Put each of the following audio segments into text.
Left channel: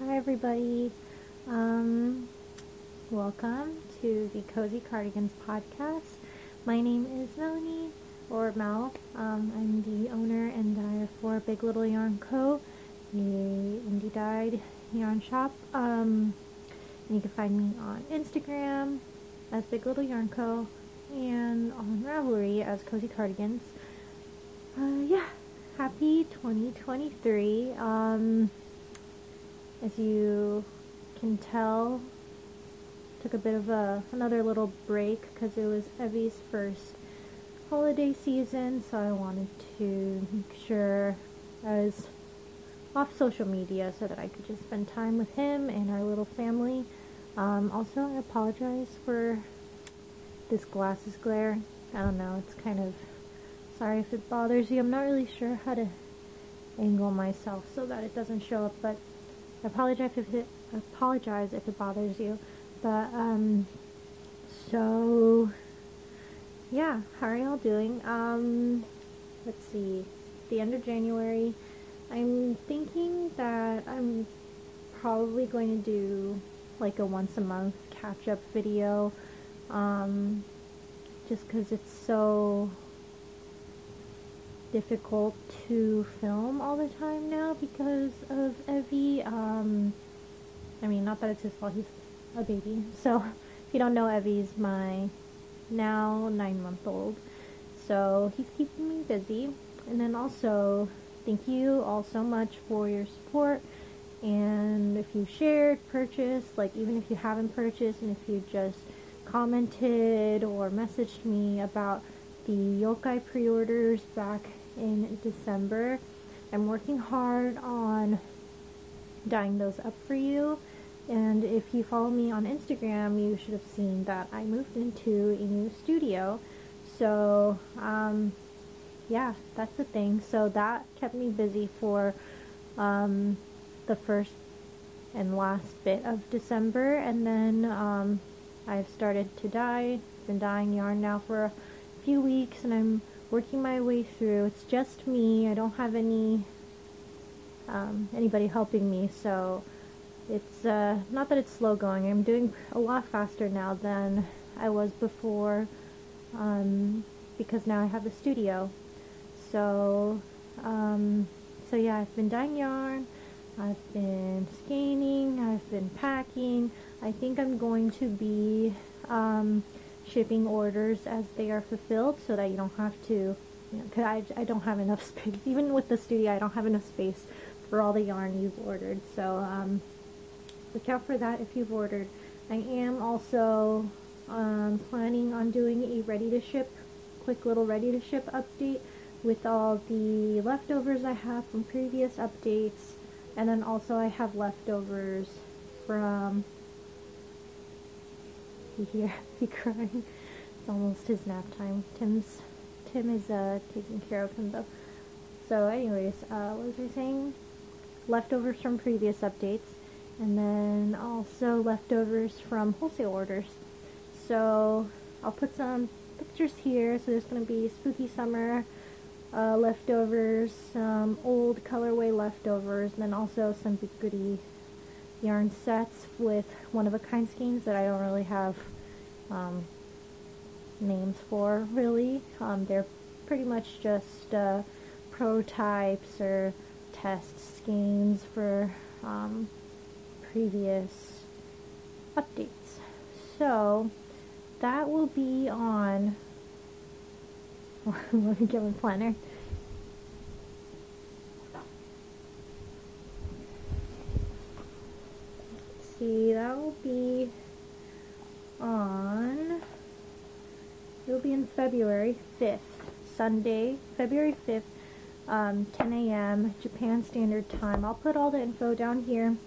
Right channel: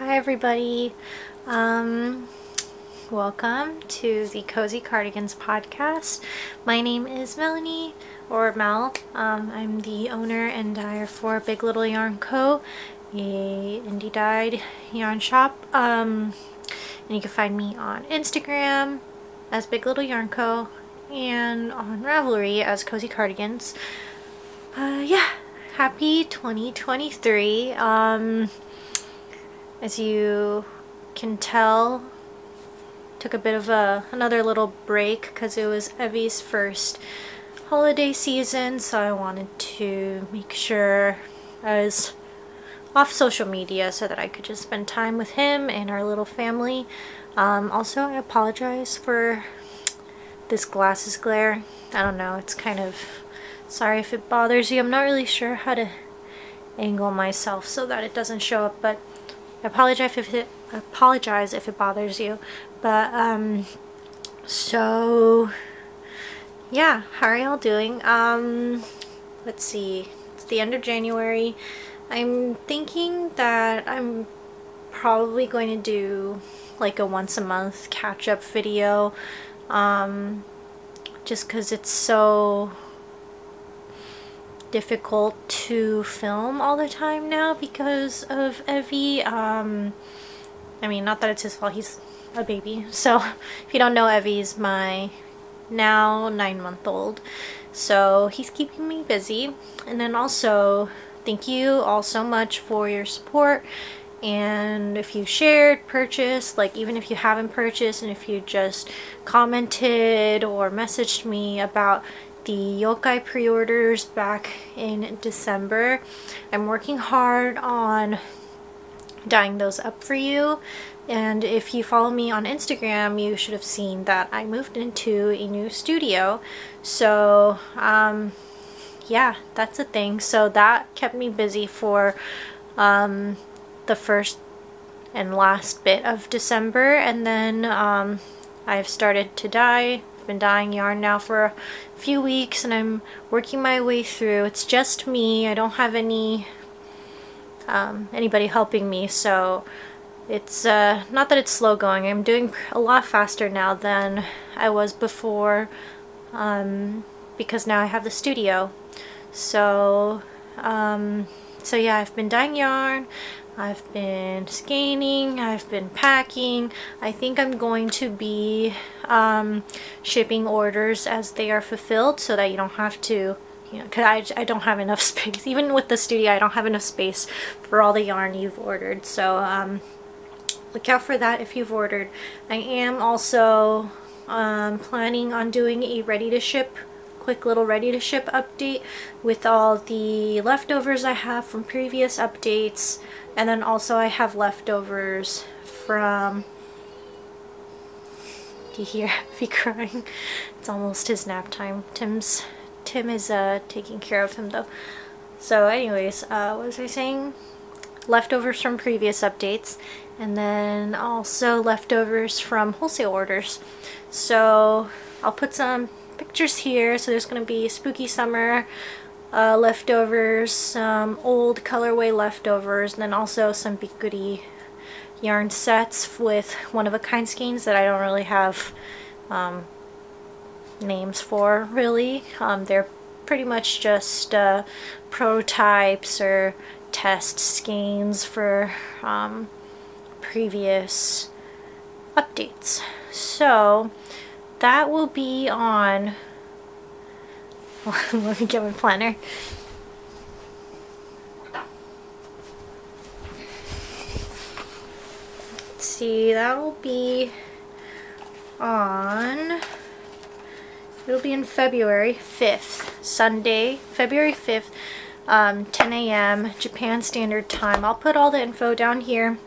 Hi everybody, welcome to the Cozy Cardigans podcast. My name is Melanie, or Mel. I'm the owner and dyer for Big Little Yarn Co., a indie dyed yarn shop, and you can find me on Instagram as Big Little Yarn Co. and on Ravelry as Cozy Cardigans. Happy 2023. As you can tell, took a bit of another little break because it was Evie's first holiday season, so I wanted to make sure I was off social media so that I could just spend time with him and our little family. Also, I apologize for this glasses glare. I don't know, it's kind of, sorry if it bothers you. I'm not really sure how to angle myself so that it doesn't show up, but I apologize if it bothers you. But so yeah, how are y'all doing? Let's see, it's the end of January. I'm thinking that I'm probably going to do like a once a month catch-up video, just because it's so difficult to film all the time now because of Evie. I mean, not that it's his fault, he's a baby. So if you don't know, Evie's my now 9-month-old, so he's keeping me busy. And then also, thank you all so much for your support, and if you shared, purchased, like even if you haven't purchased, and if you just commented or messaged me about the yokai pre-orders back in December. I'm working hard on dyeing those up for you, and if you follow me on Instagram, you should have seen that I moved into a new studio. So yeah, that's a thing. So that kept me busy for the first and last bit of December, and then I've started to dye. I've been dyeing yarn now for a few weeks, and I'm working my way through. It's just me. I don't have any anybody helping me, so it's not that it's slow going. I'm doing a lot faster now than I was before, because now I have the studio. So so yeah, I've been dyeing yarn, I've been scanning, I've been packing. I think I'm going to be shipping orders as they are fulfilled, so that you don't have to, you know, because I don't have enough space. Even with the studio, I don't have enough space for all the yarn you've ordered. So look out for that if you've ordered. I am also planning on doing a quick little ready to ship update with all the leftovers I have from previous updates. And then also I have leftovers from, do you hear me crying? It's almost his nap time. Tim is taking care of him though. So anyways, what was I saying? Leftovers from previous updates, and then also leftovers from wholesale orders. So I'll put some pictures here. So there's going to be spooky summer leftovers, some old colorway leftovers, and then also some big goodie yarn sets with one-of-a-kind skeins that I don't really have names for, really. They're pretty much just prototypes or test skeins for previous updates. So that will be on let me get my planner. Let's see, that will be on, it'll be in February 5th, Sunday, February 5th, 10 a.m. Japan Standard Time. I'll put all the info down here.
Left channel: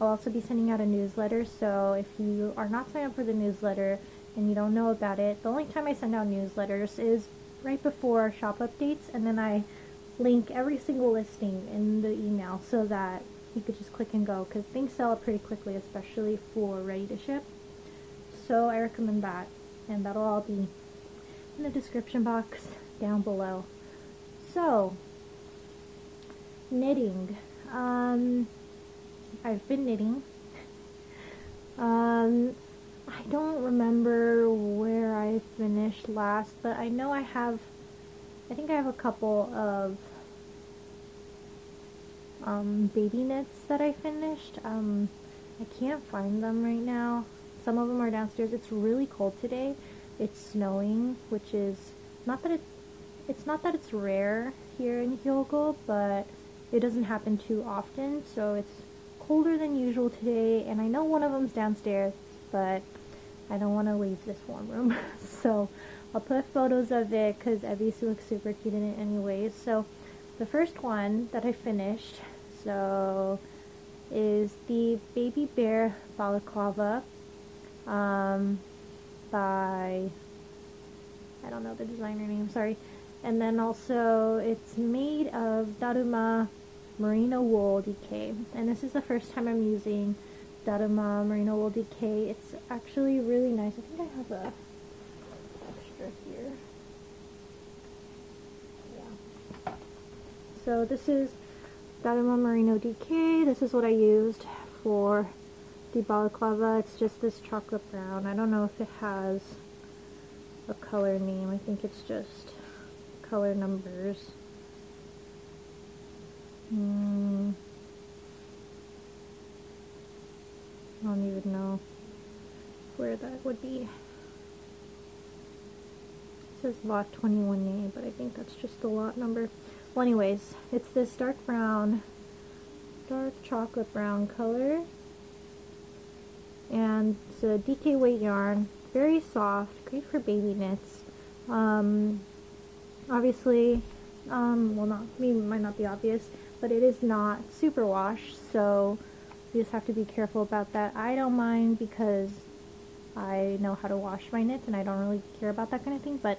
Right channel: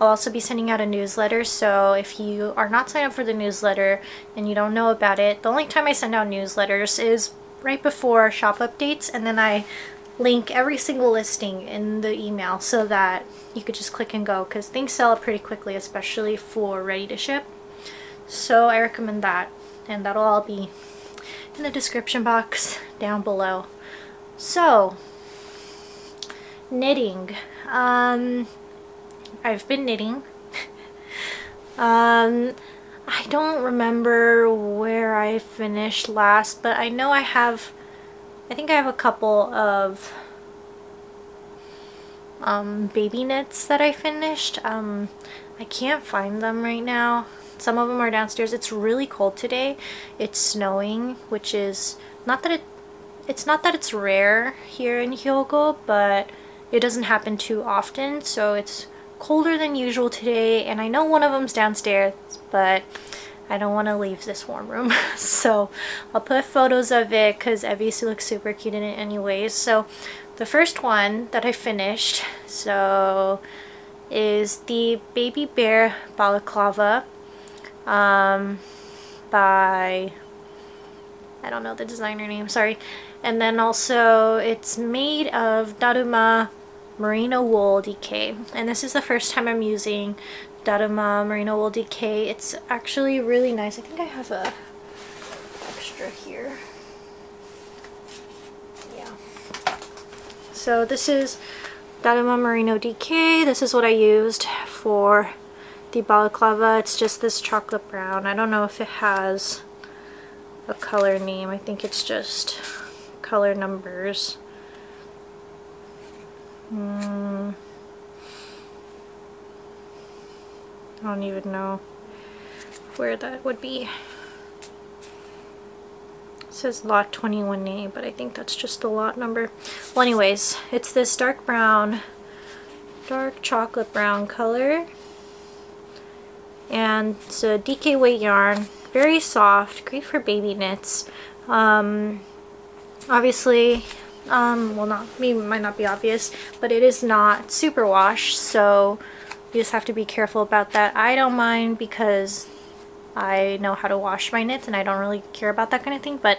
I'll also be sending out a newsletter, so if you are not signed up for the newsletter and you don't know about it, the only time I send out newsletters is right before shop updates, and then I link every single listing in the email so that you could just click and go, because things sell pretty quickly, especially for ready to ship. So I recommend that, and that'll all be in the description box down below. So knitting, I've been knitting. I don't remember where I finished last, but I know I think I have a couple of baby knits that I finished. I can't find them right now. Some of them are downstairs. It's really cold today. It's snowing, which is not that it's rare here in Hyogo, but it doesn't happen too often, so it's colder than usual today, and I know one of them's downstairs, but I don't want to leave this warm room. So I'll put photos of it because Evie looks super cute in it anyways. So the first one that I finished is the Baby Bear Balaclava by, I don't know the designer name, sorry. And then also it's made of Daruma Merino Wool DK, and this is the first time I'm using Daruma Merino Wool DK. It's actually really nice. I think I have a extra here. Yeah. So this is Daruma Merino DK. This is what I used for the balaclava. It's just this chocolate brown. I don't know if it has a color name. I think it's just color numbers. I don't even know where that would be. It says lot 21A, but I think that's just the lot number. Well, anyways, it's this dark brown, dark chocolate brown color, and it's a DK weight yarn, very soft, great for baby knits. Obviously, well, might not be obvious, but it is not superwash, so you just have to be careful about that. I don't mind because I know how to wash my knits and I don't really care about that kind of thing, but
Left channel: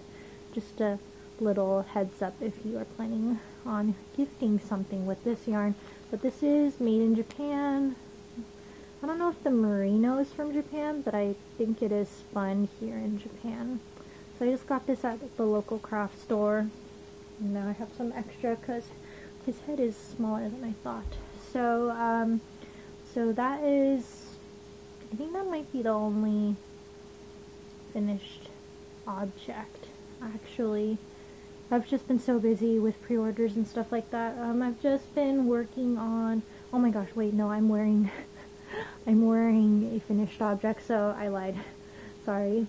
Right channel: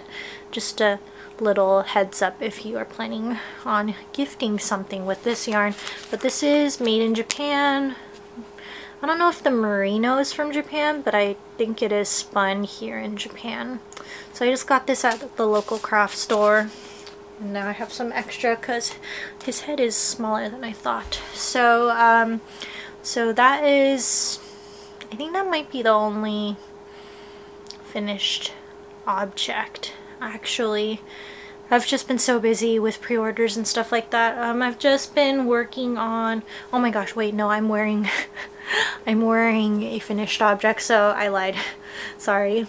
just a little heads up if you are planning on gifting something with this yarn. But this is made in Japan. I don't know if the merino is from Japan, but I think it is spun here in Japan. So I just got this at the local craft store. And now I have some extra because his head is smaller than I thought. So, so that is, I think that might be the only finished object. Actually, I've just been so busy with pre-orders and stuff like that. I've just been working on, oh my gosh, wait, no, I'm wearing, I'm wearing a finished object, so I lied. Sorry.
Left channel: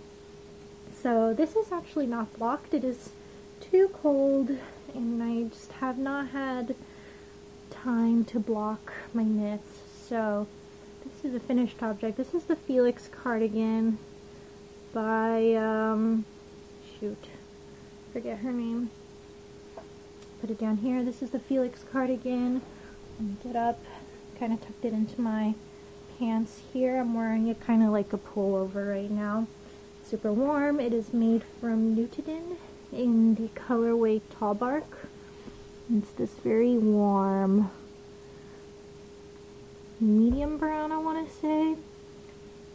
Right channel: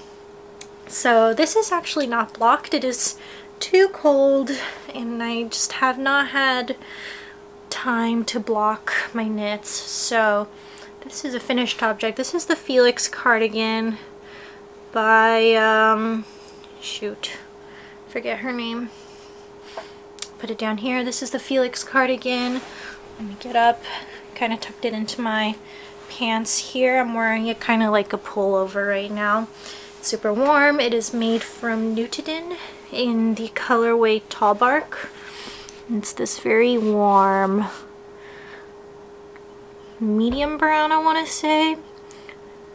So this is actually not blocked. It is too cold and I just have not had time to block my knits. So this is a finished object. This is the Felix Cardigan by shoot, forget her name. Put it down here. This is the Felix Cardigan. Let me get up. Kind of tucked it into my pants here. I'm wearing it kind of like a pullover right now. It's super warm. It is made from Nutiden in the colorway Tallbark. It's this very warm medium brown, I want to say,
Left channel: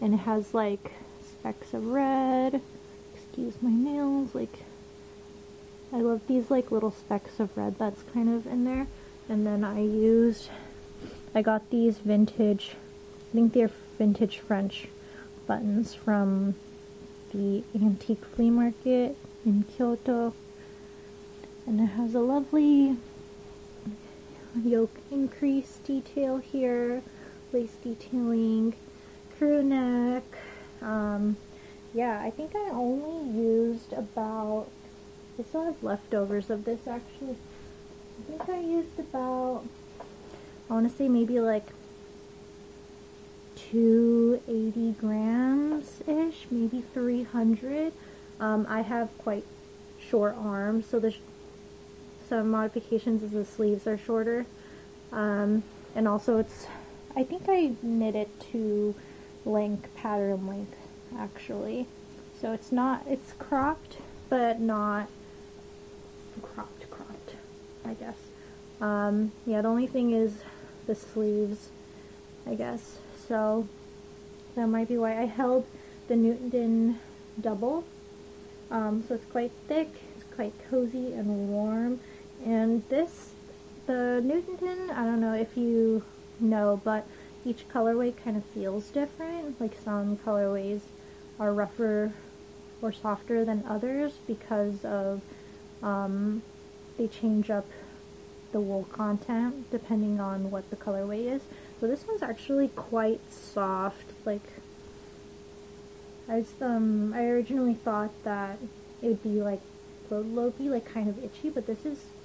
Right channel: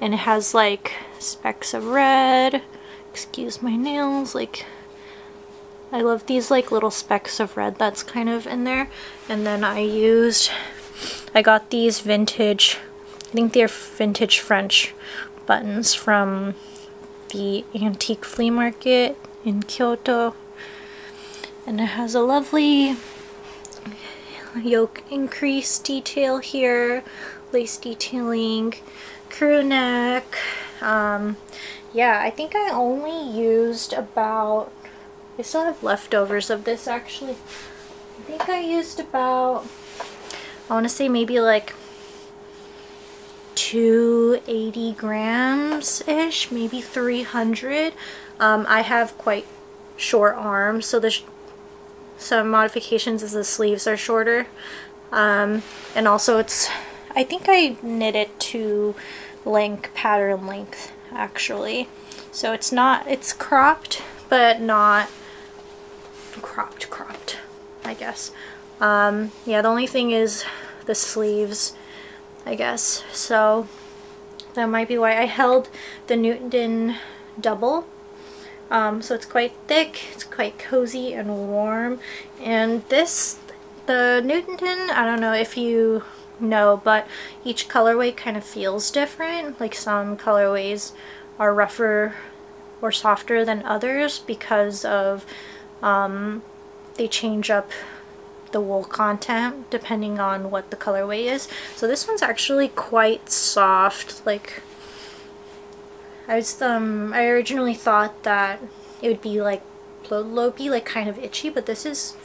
and it has like specks of red. Excuse my nails, like I love these like little specks of red that's kind of in there. And then I got these vintage, I think they're vintage French buttons from the antique flea market in Kyoto, and it has a lovely yoke increase detail here, lace detailing, crew neck. Yeah, I think I only used about, I still have leftovers of this actually. I think I used about, I want to say maybe like 280 grams ish, maybe 300. I have quite short arms, so there's some modifications as the sleeves are shorter, and also it's, I think I knit it to pattern length actually, so it's not, it's cropped but not cropped, I guess. Yeah, the only thing is the sleeves, I guess, so that might be why. I held the Nutiden double, so it's quite thick, it's quite cozy and warm. And this, the Nutiden, I don't know if you know, but each colorway kind of feels different. Like some colorways are rougher or softer than others because of they change up the wool content depending on what the colorway is. So this one's actually quite soft. Like I originally thought that it would be like lopey, like kind of itchy, but this is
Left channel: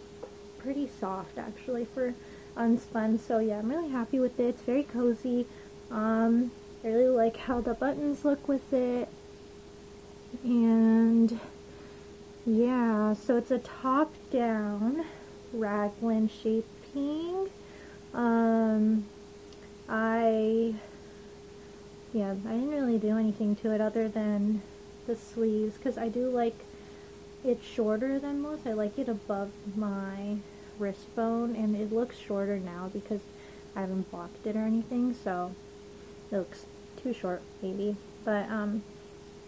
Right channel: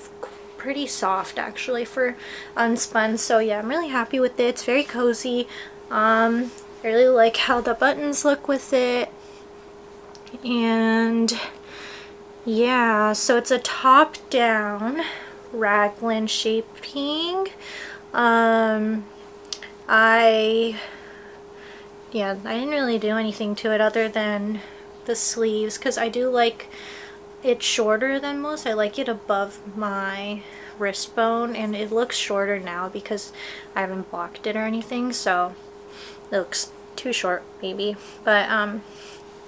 pretty soft actually for unspun. So yeah, I'm really happy with it. It's very cozy. I really like how the buttons look with it. And yeah, so it's a top down raglan shaping. I didn't really do anything to it other than the sleeves, because I do like it shorter than most. I like it above my wrist bone, and it looks shorter now because I haven't blocked it or anything, so it looks too short maybe. But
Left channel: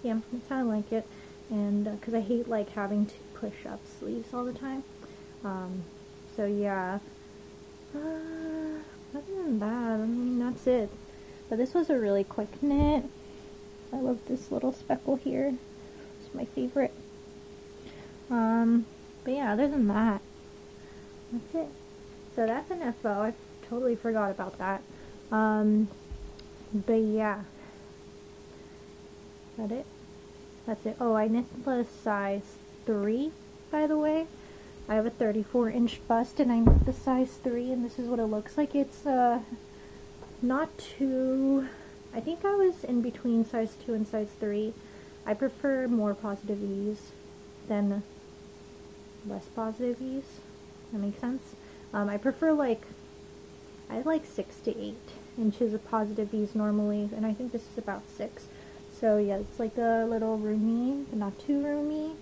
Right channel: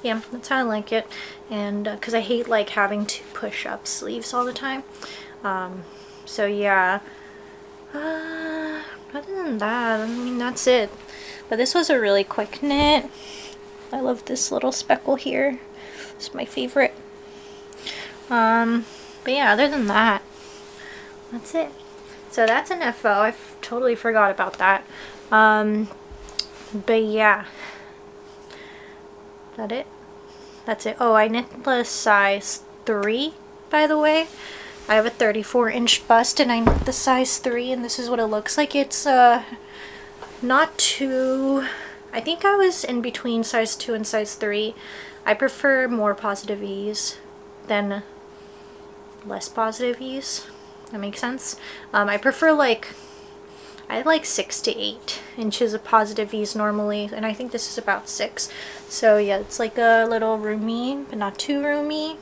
yeah, that's how I like it. And because I hate like having to push up sleeves all the time. So yeah, other than that, I mean, that's it. But this was a really quick knit. I love this little speckle here. It's my favorite. But yeah, other than that, that's it. So that's an FO. I totally forgot about that. But yeah, that it? That's it. Oh, I knit the size 3, by the way. I have a 34-inch bust and I knit the size 3, and this is what it looks like. It's not too, I think I was in between size 2 and size 3. I prefer more positive ease than less positive ease. That makes sense. I prefer like, I like 6 to 8 inches of positive ease normally, and I think this is about 6. So yeah, it's like a little roomy, but not too roomy.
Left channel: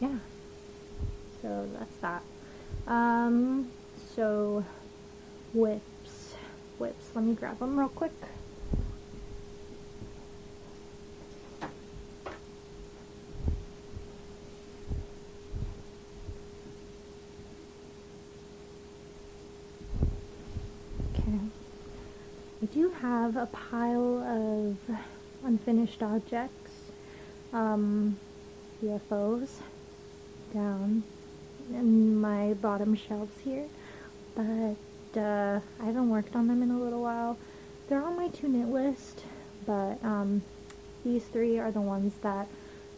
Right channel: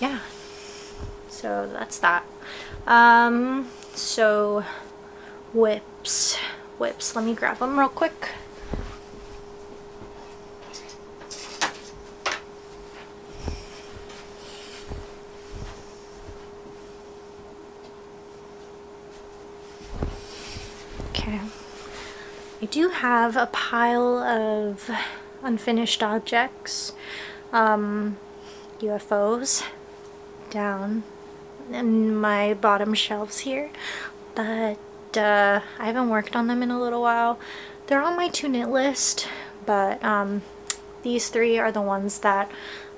Yeah. So that's that. So whips. Let me grab them real quick. Okay. I do have a pile of unfinished objects, UFOs, down in my bottom shelves here, but I haven't worked on them in a little while. They're on my to knit list, but these 3 are the ones that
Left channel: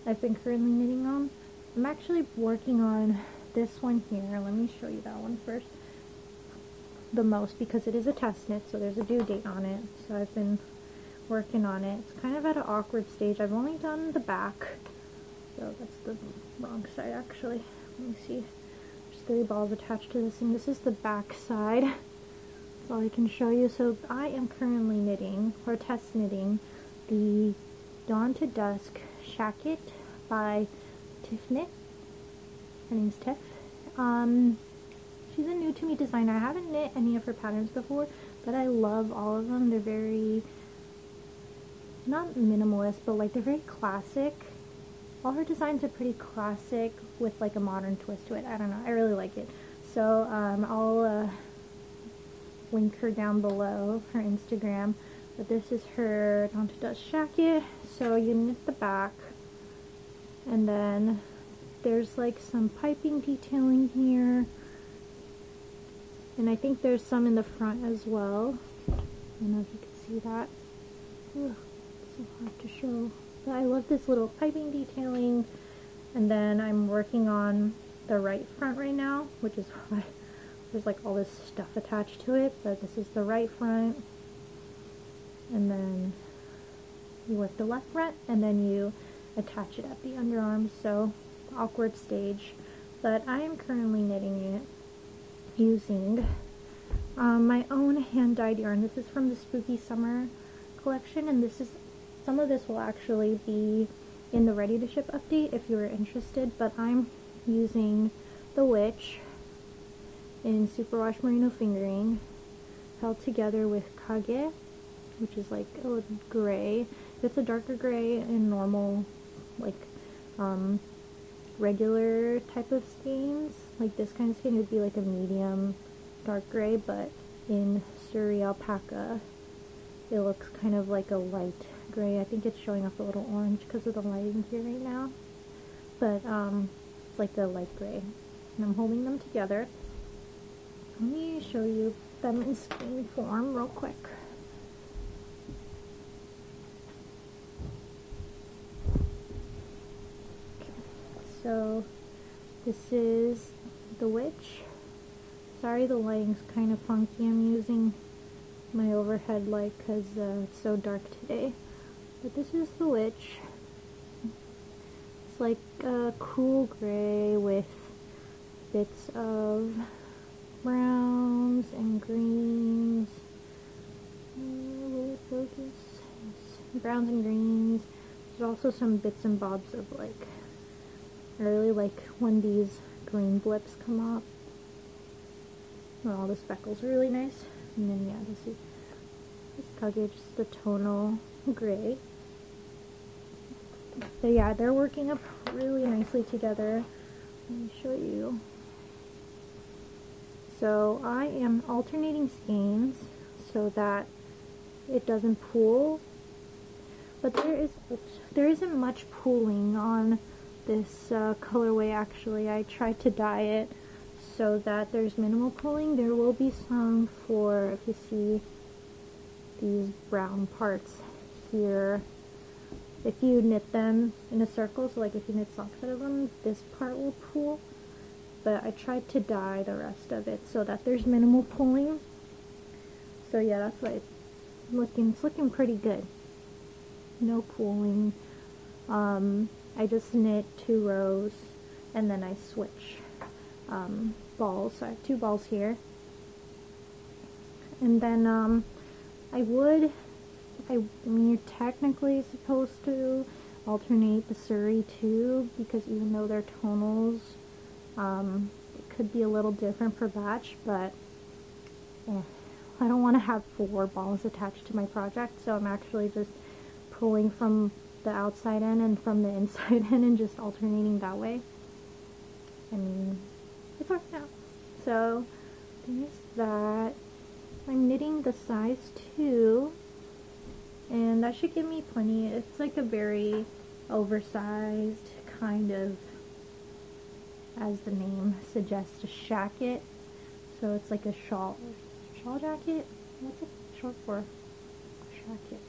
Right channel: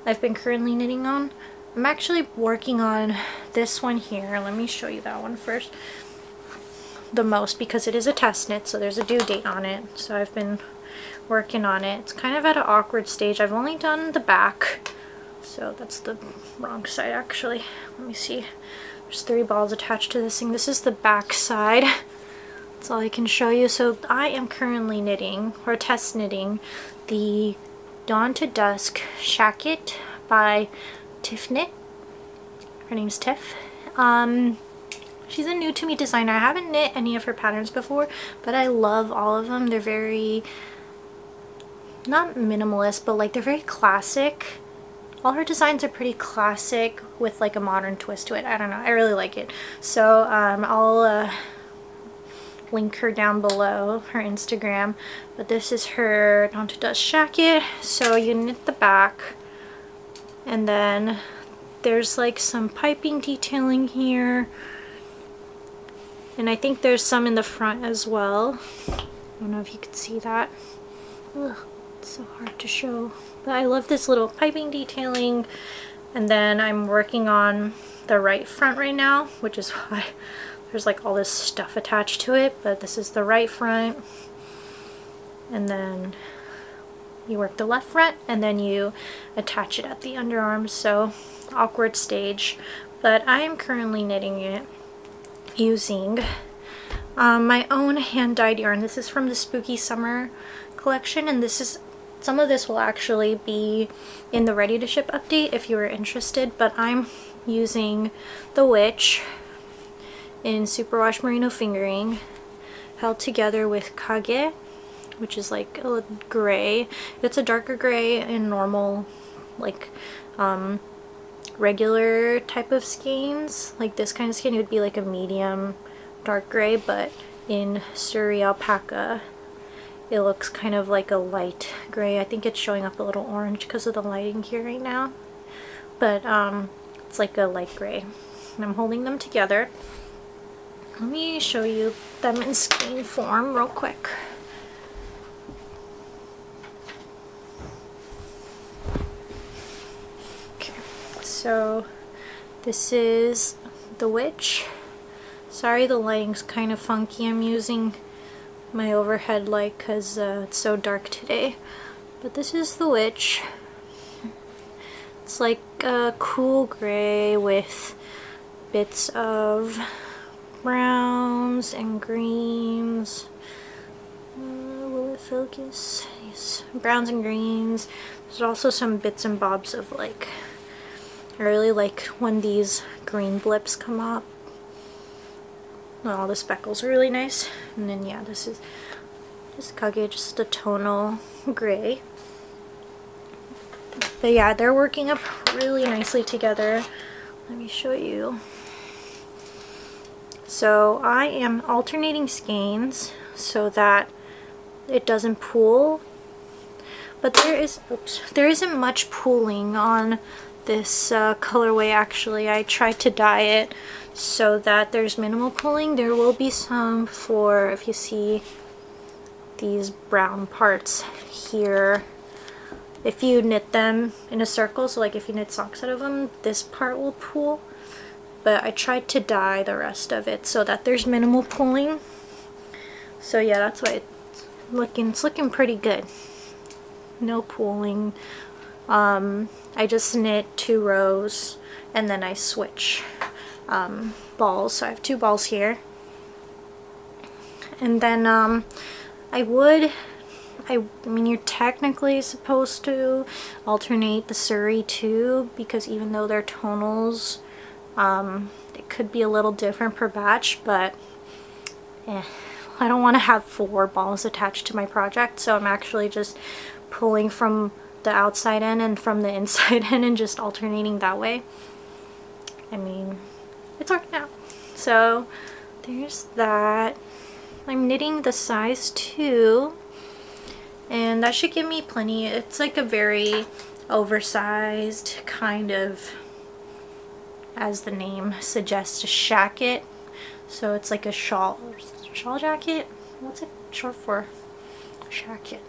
I've been currently knitting on. I'm actually working on this one here. Let me show you that one first. The most, because it is a test knit, so there's a due date on it. So I've been working on it. It's kind of at an awkward stage. I've only done the back, so that's the wrong side actually. Let me see. There's 3 balls attached to this thing. This is the back side. That's all I can show you. So I am currently knitting, or test knitting, the Dawn to Dusk Shacket by Tiff Knit. Her name's Tiff. She's a new to me designer. I haven't knit any of her patterns before, but I love all of them. They're very, not minimalist, but like they're very classic. All her designs are pretty classic with like a modern twist to it. I don't know. I really like it. So I'll link her down below, her Instagram. But this is her Dawn to Dusk Shacket. So you knit the back, and then there's like some piping detailing here. And I think there's some in the front as well. I don't know if you could see that. Ugh, it's so hard to show. But I love this little piping detailing. And then I'm working on the right front right now, which is why there's like all this stuff attached to it. But this is the right front. And then you work the left front, and then you attach it at the underarms. So awkward stage. But I am currently knitting it using my own hand-dyed yarn. This is from the Spooky Summer collection, and this is, some of this will actually be in the ready to ship update if you are interested, but I'm using the Witch in Superwash Merino fingering, held together with Kage, which is like a gray. It's a darker gray in normal, like regular type of skeins. Like this kind of skein, it would be like a medium dark gray, but in Suri Alpaca. It looks kind of like a light gray. I think it's showing up a little orange because of the lighting here right now. But it's like a light gray. And I'm holding them together. Let me show you them in skein form real quick. Okay, so this is the witch. Sorry the lighting's kind of funky. I'm using my overhead light because it's so dark today. But this is the witch. It's like a cool gray with bits of browns and greens. Will it focus? Yes, browns and greens. There's also some bits and bobs of like, I really like when these green blips come up. All the speckles are really nice. And then yeah, this is just Kage, just a tonal gray. But yeah, they're working up really nicely together. Let me show you. So I am alternating skeins so that it doesn't pool. But there isn't much pooling on this colorway actually. I tried to dye it so that there's minimal pooling. There will be some for, if you see these brown parts here, if you knit them in a circle, so like if you knit socks out of them, this part will pool. But I tried to dye the rest of it so that there's minimal pooling. So yeah, that's why it's looking pretty good. No pooling. I just knit 2 rows and then I switch balls. So I have 2 balls here. And then I mean, you're technically supposed to alternate the Suri too, because even though they're tonals, it could be a little different per batch, but I don't want to have 4 balls attached to my project, so I'm actually just pulling from the outside end and from the inside end and just alternating that way. I mean, it's working out. So there's that. I'm knitting the size 2, and that should give me plenty. It's like a very oversized kind of, as the name suggests, a shacket. So it's like a shawl jacket. What's it short for? Shacket.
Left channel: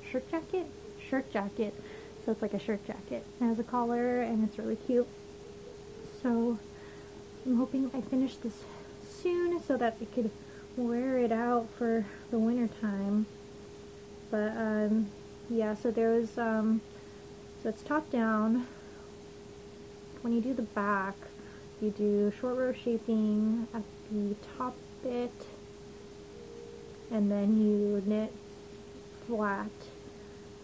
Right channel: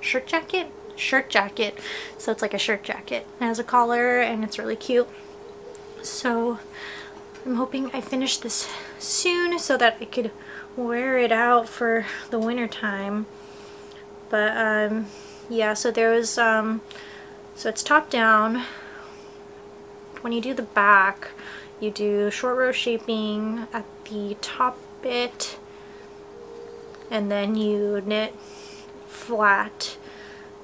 Shirt jacket? Shirt jacket. So it's like a shirt jacket. It has a collar and it's really cute. So I'm hoping I finish this soon so that I could wear it out for the winter time. But yeah, so there was so it's top down. When you do the back, you do short row shaping at the top bit, and then you knit flat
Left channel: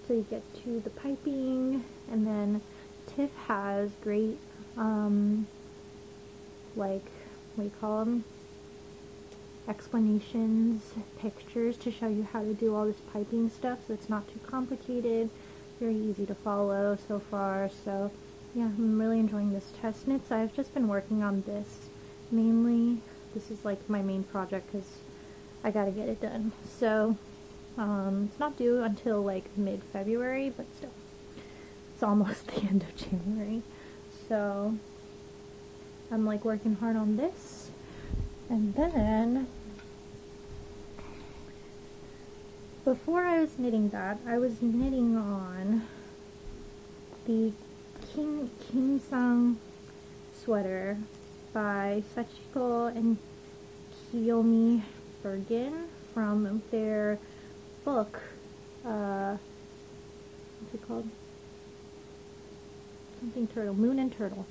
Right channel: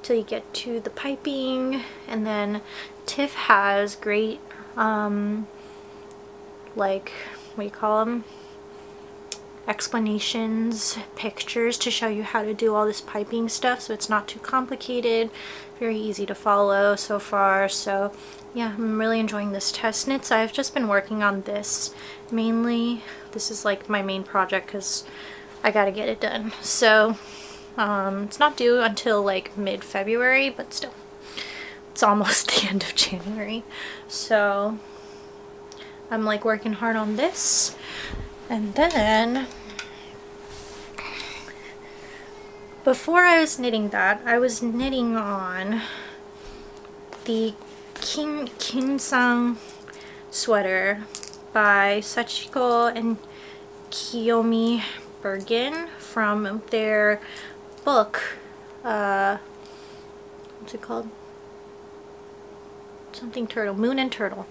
till you get to the piping. And then Tiff has great like, what do you call them, explanations, pictures to show you how to do all this piping stuff, so it's not too complicated, very easy to follow so far. So yeah, I'm really enjoying this test knit. So I've just been working on this mainly. This is like my main project because I gotta get it done. So it's not due until like mid-February, but still, it's almost the end of January. So I'm like working hard on this. And then before I was knitting that, I was knitting on the Kinsan sweater by Sachiko and Kiyomi Burgin from their book, what's it called? Something turtle, Moon and Turtle.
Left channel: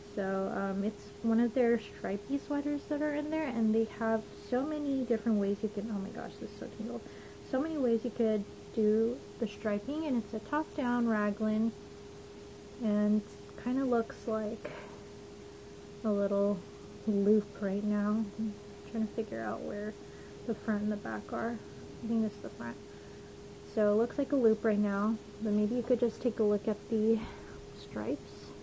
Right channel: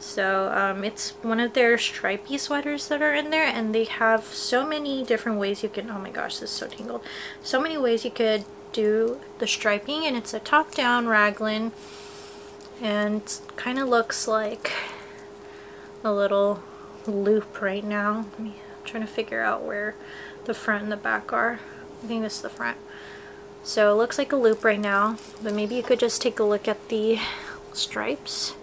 So it's one of their stripy sweaters that are in there, and they have so many different ways you can, oh my gosh, this is so tangled, so many ways you could do the striping. And it's a top down raglan, and kind of looks like a little loop right now. I'm trying to figure out where the front and the back are. I think this is the front. So it looks like a loop right now, but maybe you could just take a look at the stripes.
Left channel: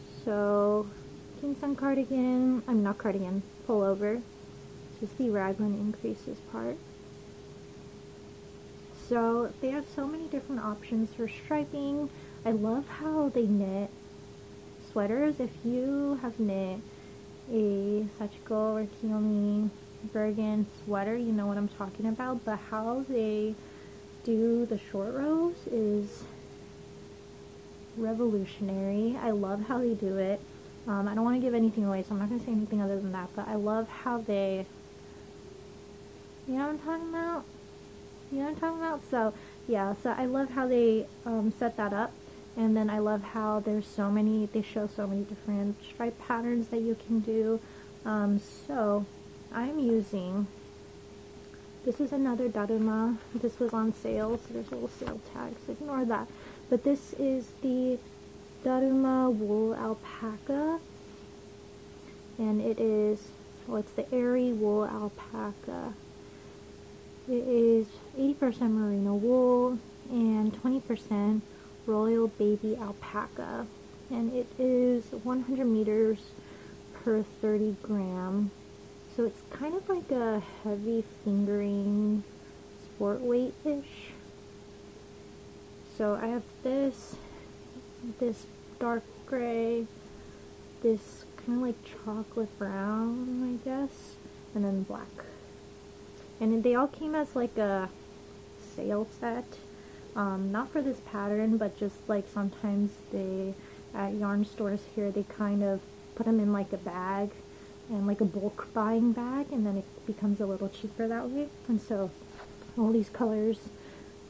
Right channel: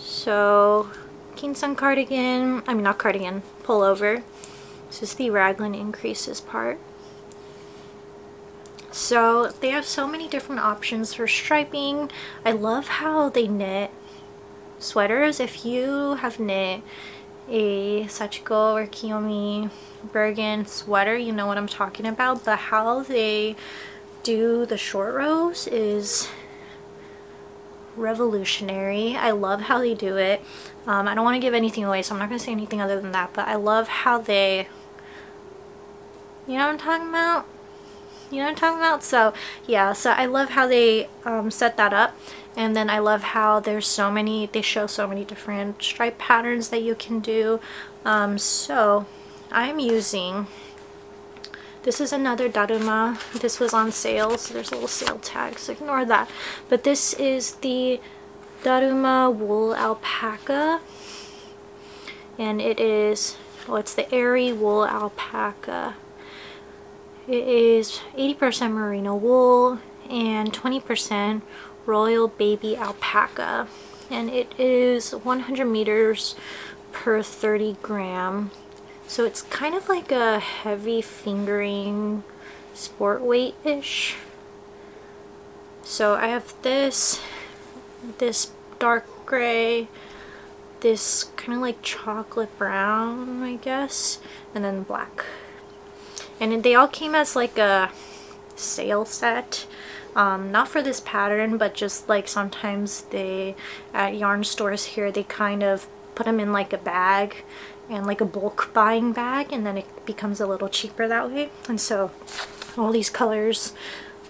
So Kinsan cardigan, I mean not cardigan, pullover. This is the raglan increases part. So they have so many different options for striping. I love how they knit sweaters. If you have knit a Sachiko or Kiyomi Burgin sweater, you know what I'm talking about. But how they do the short rows is revolutionary. I love how they do it. I don't want to give anything away, so I'm not going to say anything other than that, but I love how they, you know what I'm talking about? You know what I'm talking about? So yeah, so I love how they set that up. And then I love how there's so many, they show so many different stripe patterns that you can do. So I'm using, this is another Daruma. This was on sale, so there's a little sale tag, so ignore that. But this is the Daruma Wool Alpaca. And it is, well, it's the Airy Wool Alpaca. It is 80% merino wool and 20% royal baby alpaca, and it is 100 meters per 30 gram. So it's kind of like a heavy fingering sport weight-ish. So I have this dark gray, this kind of like chocolate brown, I guess, and then black. And they all came as like a sale set. Not for this pattern, but just like sometimes they, at yarn stores here, they kind of put them in like a bag and like a bulk buying bag, and then it becomes a little cheaper that way. And so all these colors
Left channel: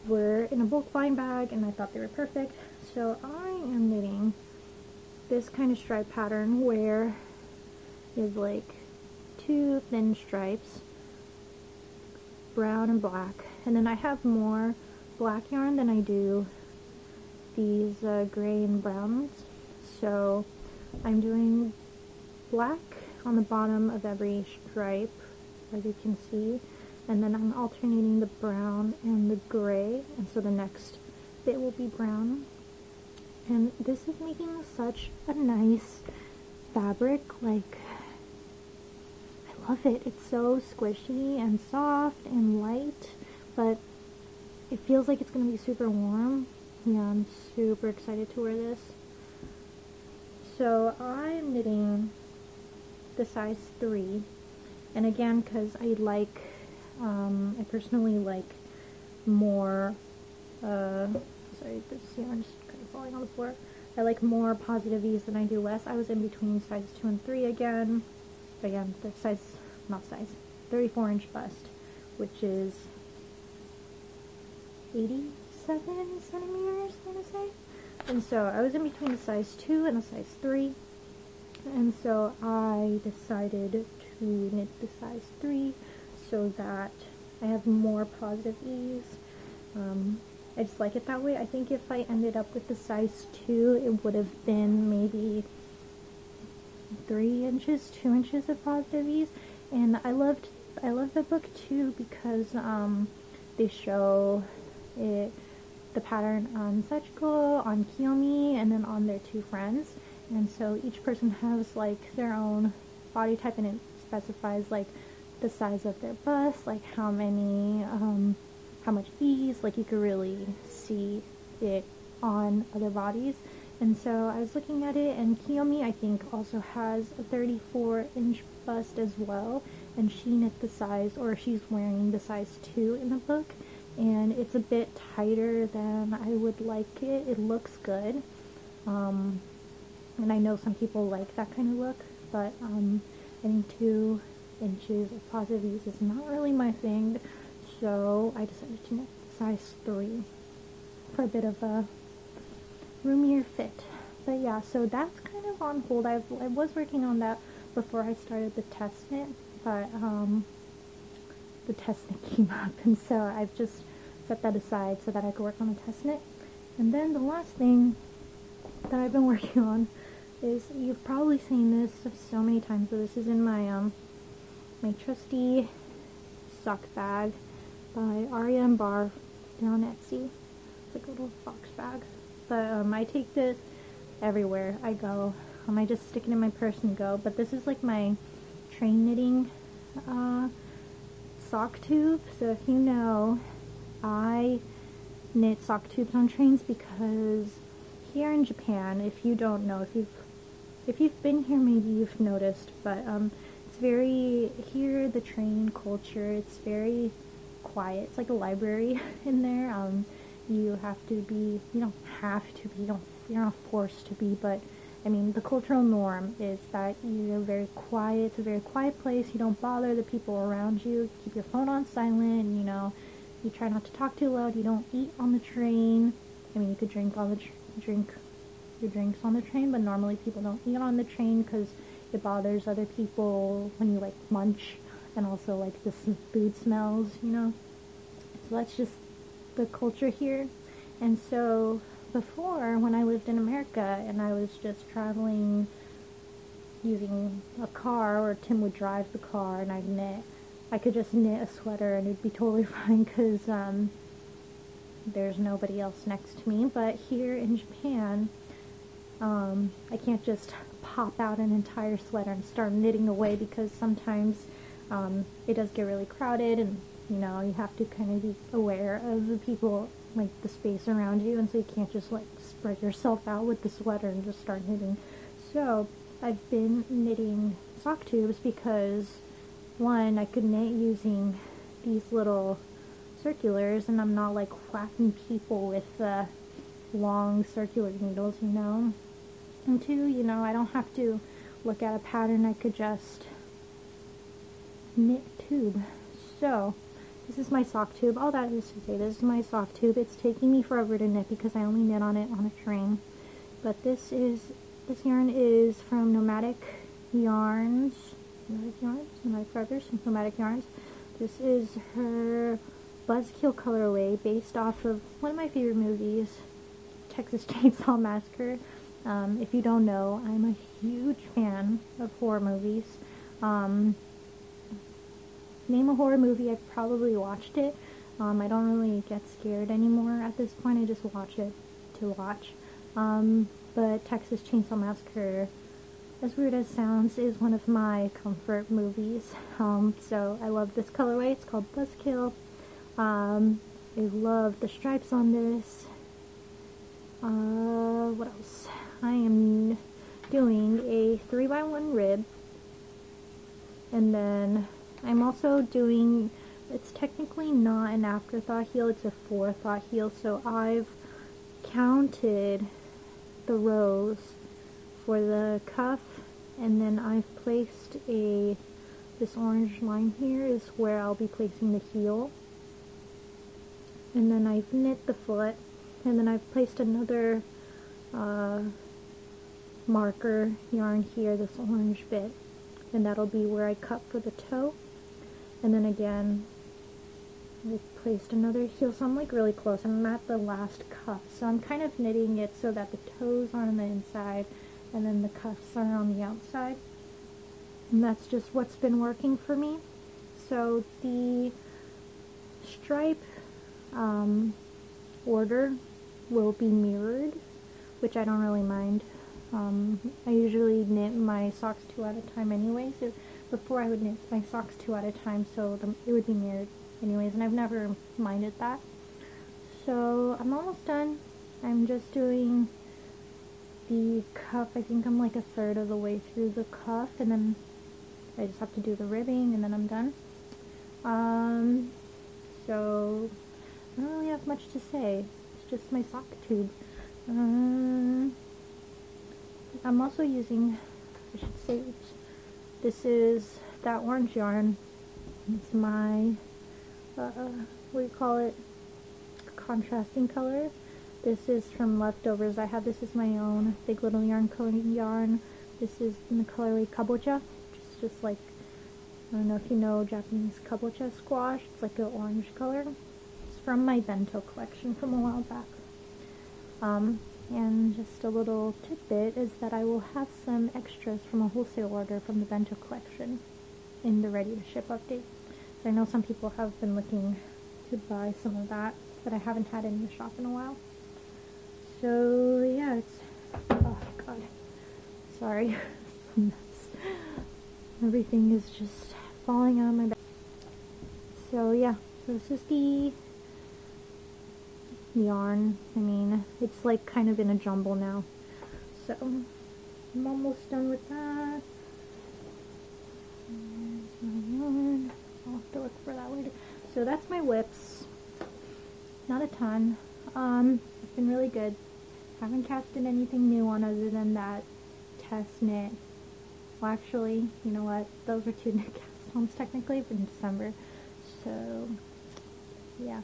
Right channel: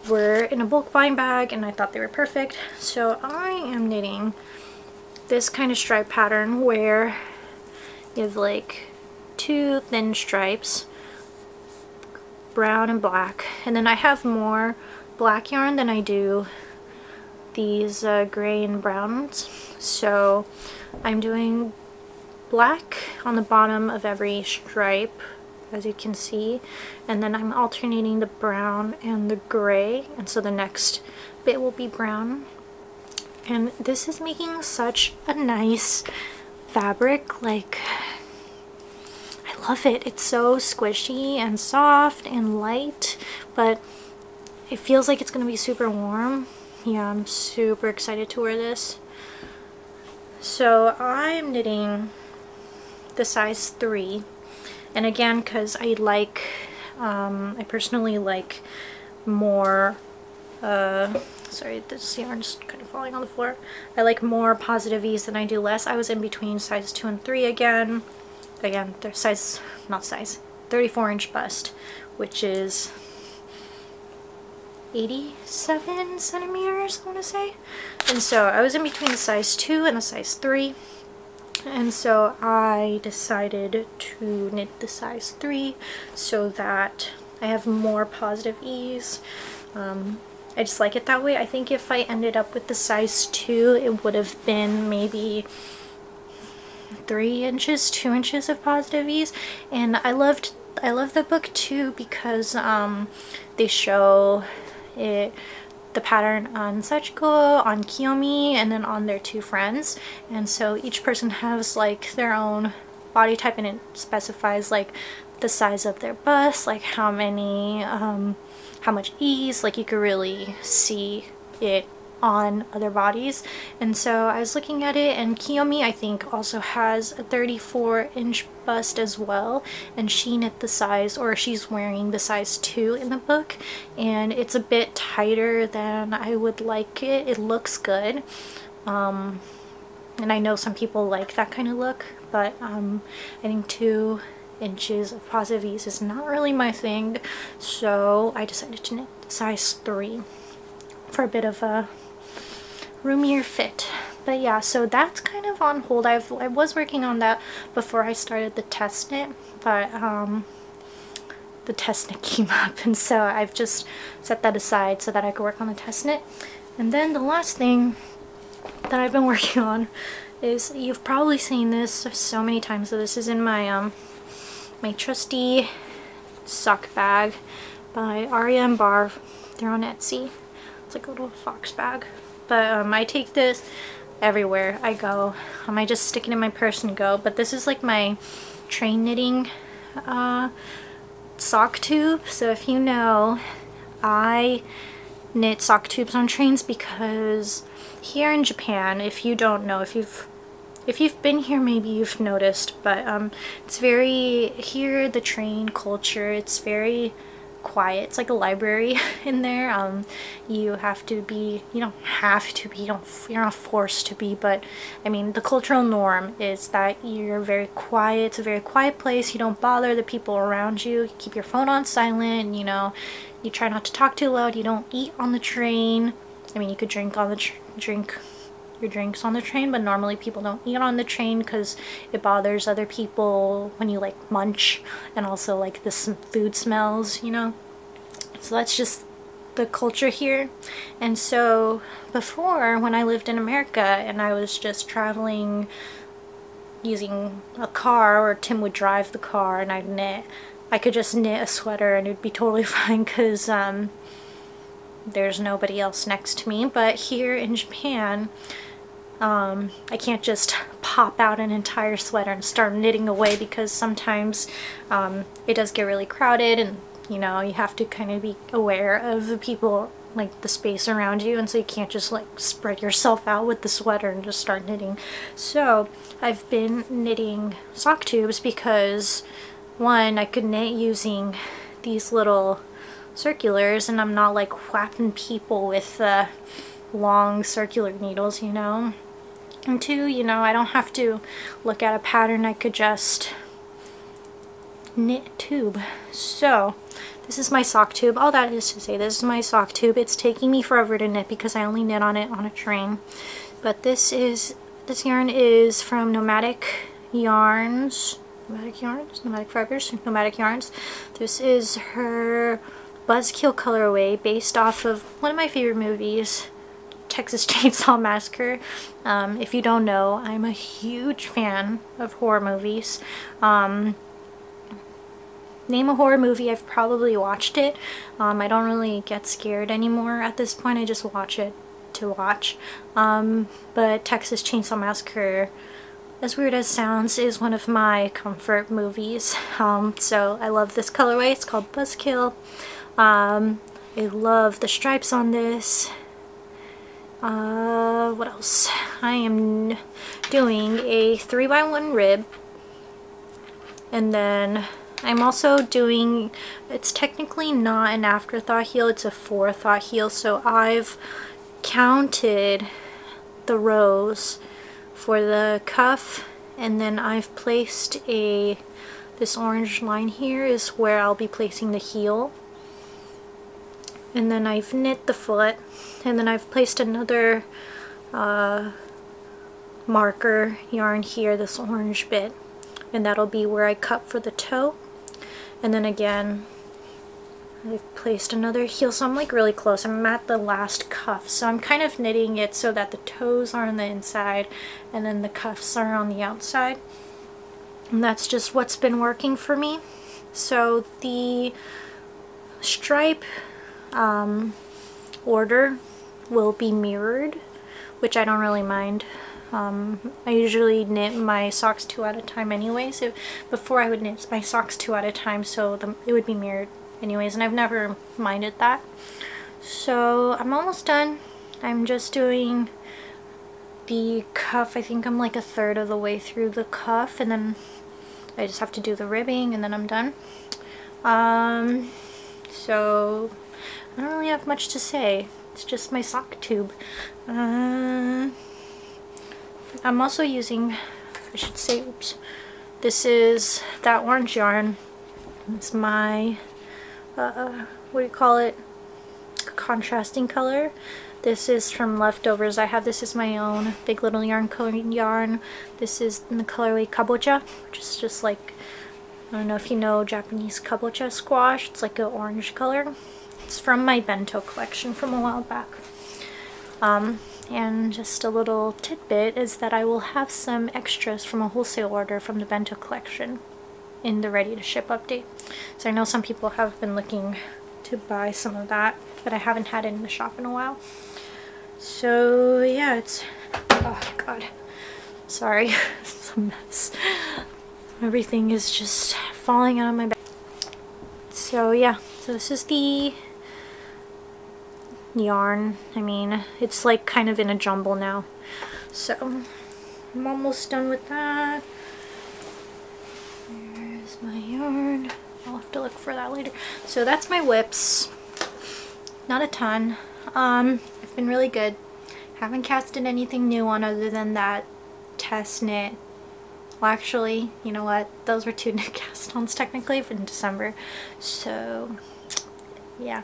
were in a bulk buying bag, and I thought they were perfect. So I am knitting this kind of stripe pattern where you have like two thin stripes, brown and black, and then I have more black yarn than I do these gray and browns. So I'm doing black on the bottom of every stripe, as you can see, and then I'm alternating the brown and the gray, and so the next bit will be brown. And this is making such a nice fabric. Like, I love it. It's so squishy and soft and light, but it feels like it's going to be super warm. Yeah, I'm super excited to wear this. So I'm knitting the size 3, and again, because I like, I personally like more, sorry, this yarn's kind of falling on the floor. I like more positive ease than I do less. I was in between size 2 and 3 again. Again, they're size, not size, 34-inch bust, which is 87 centimeters, I want to say. And so I was in between the size 2 and the size 3. And so I decided to knit the size 3 so that I have more positive ease. I just like it that way. I think if I ended up with the size 2, it would have been maybe 3 inches, 2 inches of positive ease. And I love the book too, because they show it, the pattern on Sachiko, on Kiyomi, and then on their 2 friends. And so each person has like their own body type, and it specifies like the size of their bust, like how many, how much ease, like you could really see it on other bodies. And so I was looking at it, and Kiyomi I think also has a 34-inch bust as well, and she knit the size, or she's wearing the size 2 in the book, and it's a bit tighter than I would like it. It looks good, and I know some people like that kind of look, but I think 2 inches of positive ease is not really my thing, so I decided to knit size 3 for a bit of a roomier fit. But yeah, so that's kind of on hold. I was working on that before I started the test knit, but the test knit came up, and so I've just set that aside so that I could work on the test knit. And then the last thing that I've been working on is, you've probably seen this so many times, so this is in my my Trusty sock bag by Aria and Barv. They're on Etsy. It's like a little fox bag. But I take this everywhere I go. I just stick it in my purse and go. But this is like my train knitting sock tube. So if you know, I knit sock tubes on trains because here in Japan, if you don't know, if you've been here, maybe you've noticed, but it's very, here the train culture, it's very quiet. It's like a library in there. You have to be, you don't have to be, you're not forced to be, but I mean the cultural norm is that you're very quiet. It's a very quiet place. You don't bother the people around you. You keep your phone on silent, you know, you try not to talk too loud. You don't eat on the train. I mean, you could drink on the drink your drinks on the train, but normally people don't eat on the train because it bothers other people when you like munch, and also like the food smells, you know. So that's just the culture here. And so before, when I lived in America and I was just traveling using a car, or Tim would drive the car and I'd knit, I could just knit a sweater and it'd be totally fine because there's nobody else next to me. But here in Japan, I can't just pop out an entire sweater and start knitting away because sometimes it does get really crowded, and you know, you have to kind of be aware of the people, like the space around you, and so you can't just like spread yourself out with the sweater and just start knitting. So I've been knitting sock tubes because one, I could knit using these little circulars and I'm not like whapping people with long circular needles, you know. And two, you know, I don't have to look at a pattern. I could just knit a tube. So this is my sock tube. All that is to say, this is my sock tube. It's taking me forever to knit because I only knit on it on a train. But this yarn is from Nomadic Yarns. Nomadic Fibers, Nomadic Yarns. This is her Buzzkill colorway based off of one of my favorite movies, Texas Chainsaw Massacre. If you don't know, I'm a huge fan of horror movies. Name a horror movie, I've probably watched it. I don't really get scared anymore at this point. I just watch it to watch. But Texas Chainsaw Massacre, as weird as sounds, is one of my comfort movies. So I love this colorway. It's called Buzzkill. I love the stripes on this. What else? I am doing a 3x1 rib, and then I'm also doing, it's technically not an afterthought heel, it's a forethought heel. So I've counted the rows for the cuff, and then I've placed this orange line here is where I'll be placing the heel. And then I've knit the foot, and then I've placed another marker yarn here, this orange bit, and that'll be where I cut for the toe. And then again, I've placed another heel, so I'm like really close. I'm at the last cuff, so I'm kind of knitting it so that the toes are on the inside and then the cuffs are on the outside. And that's just what's been working for me. So the stripe order will be mirrored, which I don't really mind. I usually knit my socks 2 at a time anyways. Before I would knit my socks 2 at a time, so it would be mirrored anyways, and I've never minded that. So I'm almost done. I'm just doing the cuff. I think I'm like a third of the way through the cuff, and then I just have to do the ribbing and then I'm done. So I don't really have much to say. It's just my sock tube. I'm also using, I should say, oops, this is that orange yarn. It's my, what do you call it, contrasting color. This is from Leftovers. I have this as my own Big Little Yarn Co. yarn. This is in the colorway Kabocha, which is just like, I don't know if you know Japanese kabocha squash. It's like an orange color. It's from my bento collection from a while back. And just a little tidbit is that I will have some extras from a wholesale order from the bento collection in the ready to ship update. So I know some people have been looking to buy some of that, but I haven't had it in the shop in a while. So yeah, it's, oh god, sorry, it's a mess. Everything is just falling out of my bag. So yeah, so this is the yarn. I mean, it's like kind of in a jumble now. So I'm almost done with that. There's my yarn. I'll have to look for that later. So that's my whips. Not a ton. It's been really good. Haven't casted anything new on other than that test knit. Well, actually, you know what? Those were 2 knit cast-ons technically in December. So yeah.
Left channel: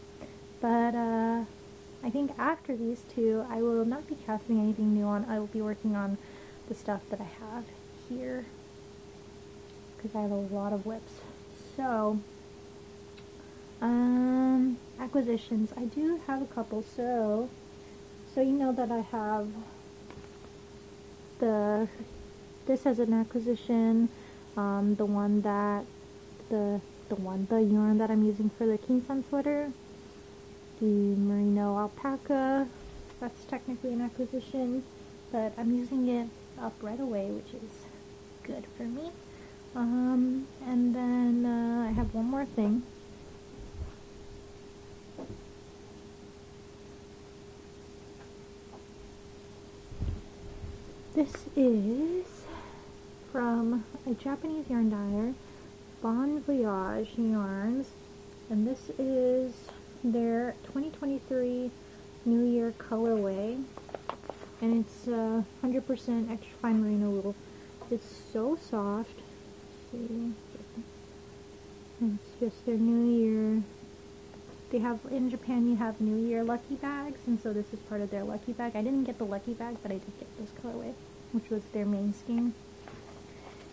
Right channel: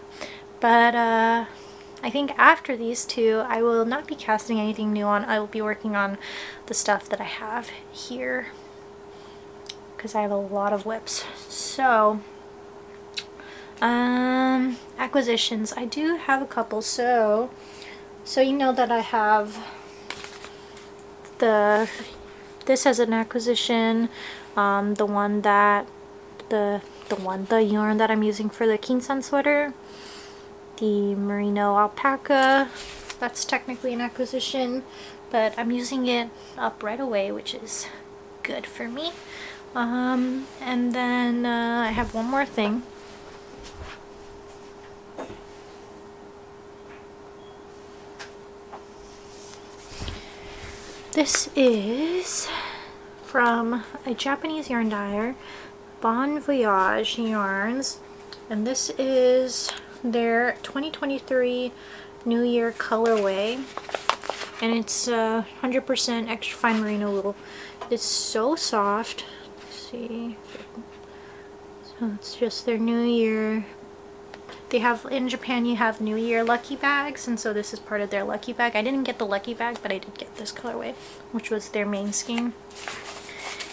But I think after these 2, I will not be casting anything new on. I will be working on the stuff that I have here, because I have a lot of whips. So acquisitions, I do have a couple. So you know that I have this as an acquisition, the yarn that I'm using for the Kinsan sweater, the Merino Alpaca, that's technically an acquisition, but I'm using it up right away, which is good for me. And then I have one more thing. This is from a Japanese yarn dyer, Bon Voyage Yarns, and this is their 2023 New Year colorway, and it's 100% extra fine merino wool. It's so soft. Let's see. So it's just their New Year. They have, in Japan, you have New Year lucky bags, and so this is part of their lucky bag. I didn't get the lucky bag, but I did get this colorway, which was their main scheme.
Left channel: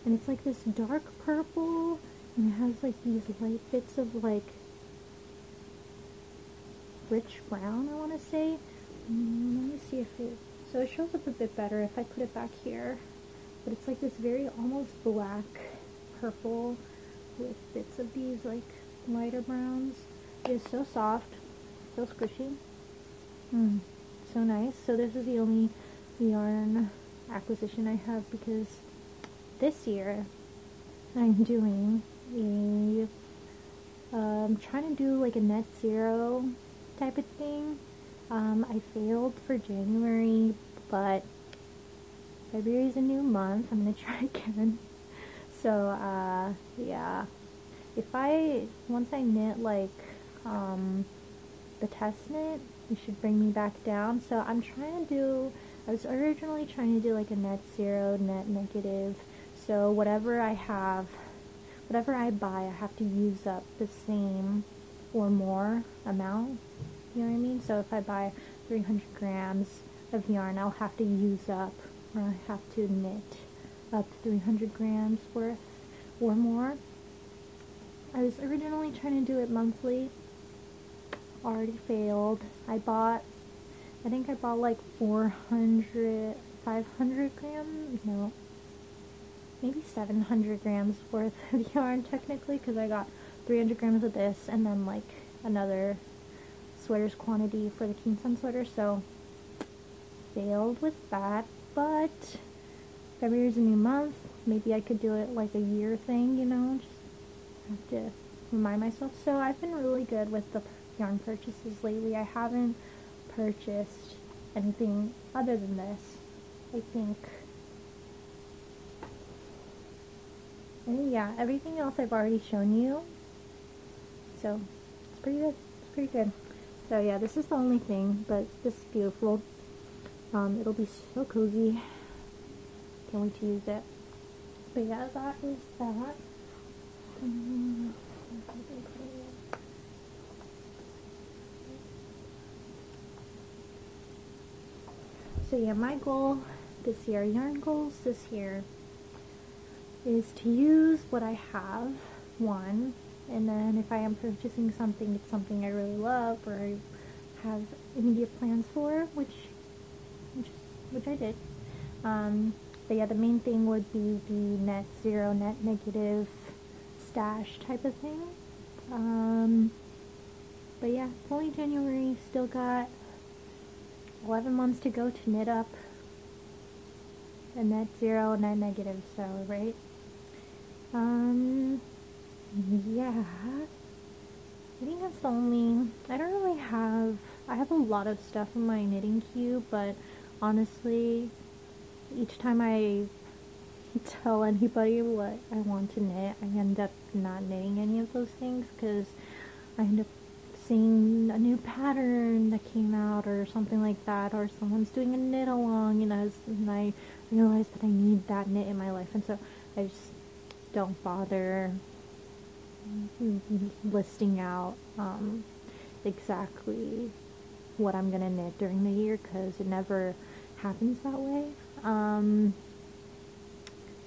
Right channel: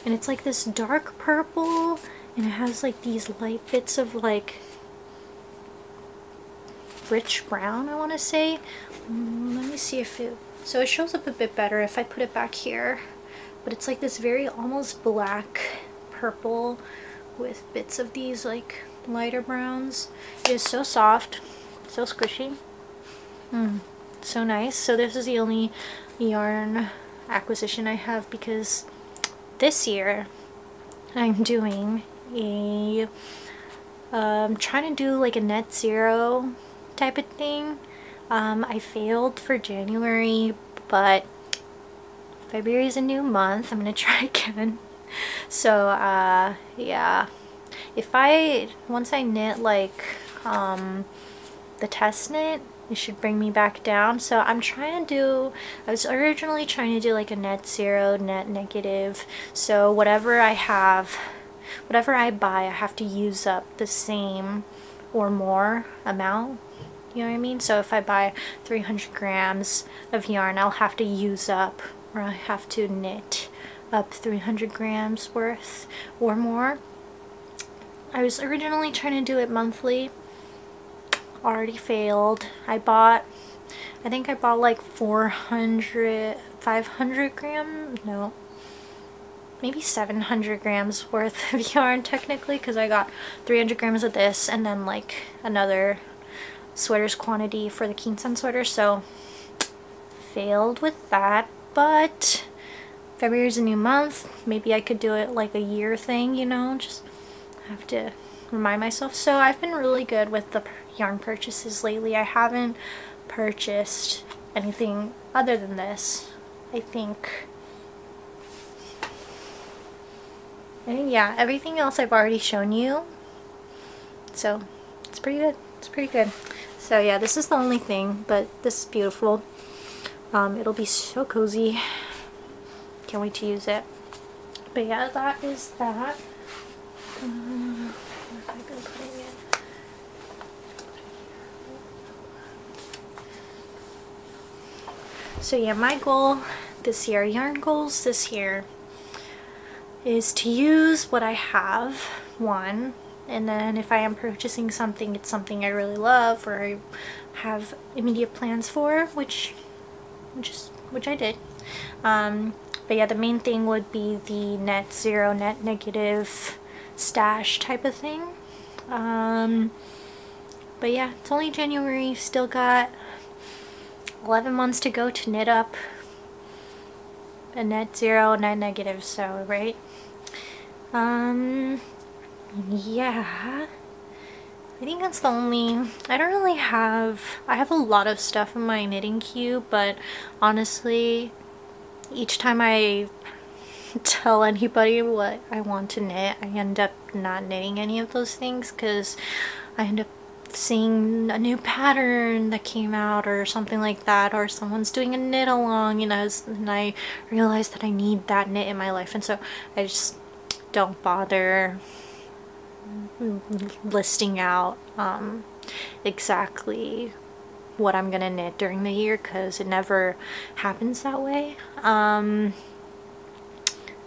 And it's like this dark purple, and it has like these light bits of like rich brown, I want to say. Let me see if it, so it shows up a bit better if I put it back here, but it's like this very almost black purple with bits of these like lighter browns. It is so soft, so squishy, so nice. So this is the only yarn acquisition I have, because this year I'm doing a trying to do like a net zero type of thing. I failed for January, but February is a new month. I'm gonna try again. So yeah, if once I knit like the test knit, it should bring me back down. So I'm trying to do, I was originally trying to do like a net zero, net negative. So whatever I have, whatever I buy, I have to use up the same or more amount. You know what I mean? So if I buy 300 grams of yarn, I'll have to use up, or I have to knit up 300 grams worth or more. I was originally trying to do it monthly. Already failed. I think I bought like 500 grams, no, maybe 700 grams worth of yarn technically, because I got 300 grams of this and then like another sweater's quantity for the Kinsan sweater. So failed with that, but February's a new month. Maybe I could do it like a year thing, you know, just have to remind myself. So I've been really good with the yarn purchases lately. I haven't purchased anything other than this, I think. And yeah, everything else I've already shown you, so it's pretty good. It's pretty good. So yeah, this is the only thing, but this is beautiful. It'll be so cozy. Can't wait to use it. But yeah, that is that. Where have I been putting it? So yeah, my goal this year, yarn goals this year, is to use what I have, one, and then if I am purchasing something, it's something I really love or I have immediate plans for, which I did. But yeah, the main thing would be the net zero, net negative stash type of thing. But yeah, it's only January, still got 11 months to go to knit up a net zero, net negative, so right. Yeah, I think that's the only, I don't really have, I have a lot of stuff in my knitting queue, but honestly, each time I tell anybody what I want to knit, I end up not knitting any of those things because I end up seeing a new pattern that came out or something like that, or someone's doing a knit along, you know, and I realize that I need that knit in my life, and so I just don't bother listing out exactly what I'm gonna knit during the year because it never happens that way.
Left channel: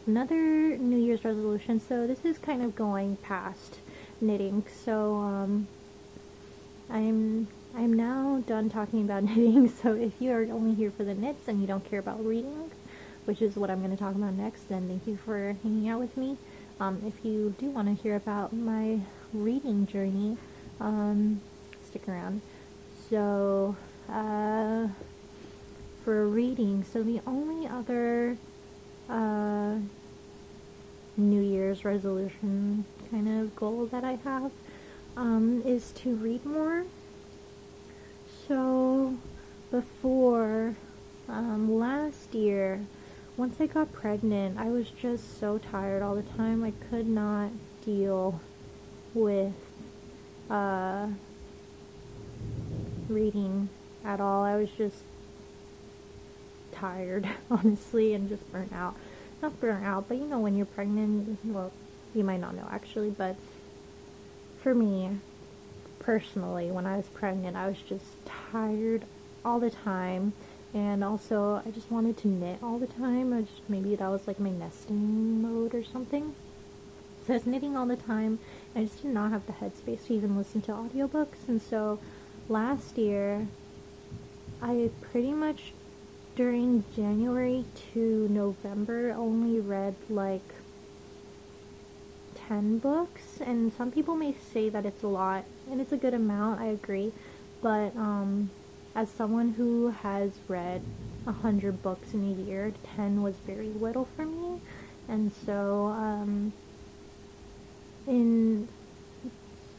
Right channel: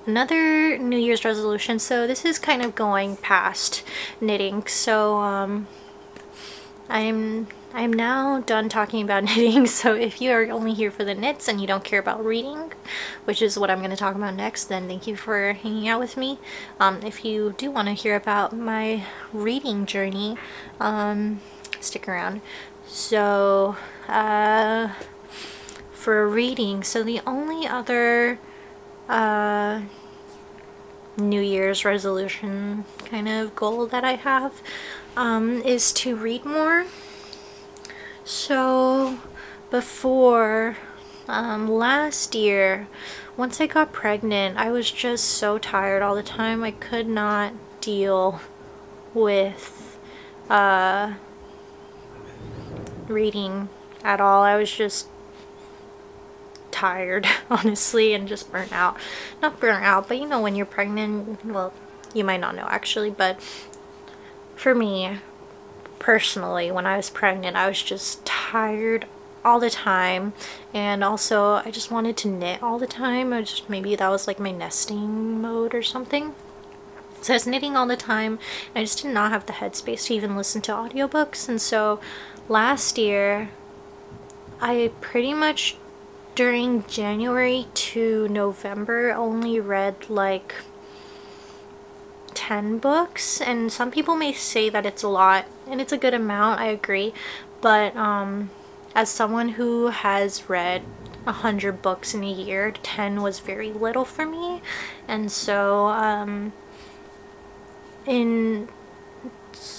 Another New Year's resolution, so this is kind of going past knitting, so I'm now done talking about knitting, so if you are only here for the knits and you don't care about reading, which is what I'm going to talk about next, then thank you for hanging out with me. If you do want to hear about my reading journey, stick around. So, for reading, so the only other New Year's resolution kind of goal that I have is to read more. So before last year, once I got pregnant, I was just so tired all the time. I could not deal with reading at all. I was just tired, honestly, and just burnt out. Not burnt out, but you know when you're pregnant, well, you might not know actually, but for me personally, when I was pregnant, I was just tired all the time, and also I just wanted to knit all the time. Maybe that was like my nesting mode or something. So I was knitting all the time, and I just did not have the headspace to even listen to audiobooks. And so last year, I pretty much during January to November only read like 10 books, and some people may say that it's a lot, and it's a good amount, I agree, but as someone who has read 100 books in a year, 10 was very little for me. And so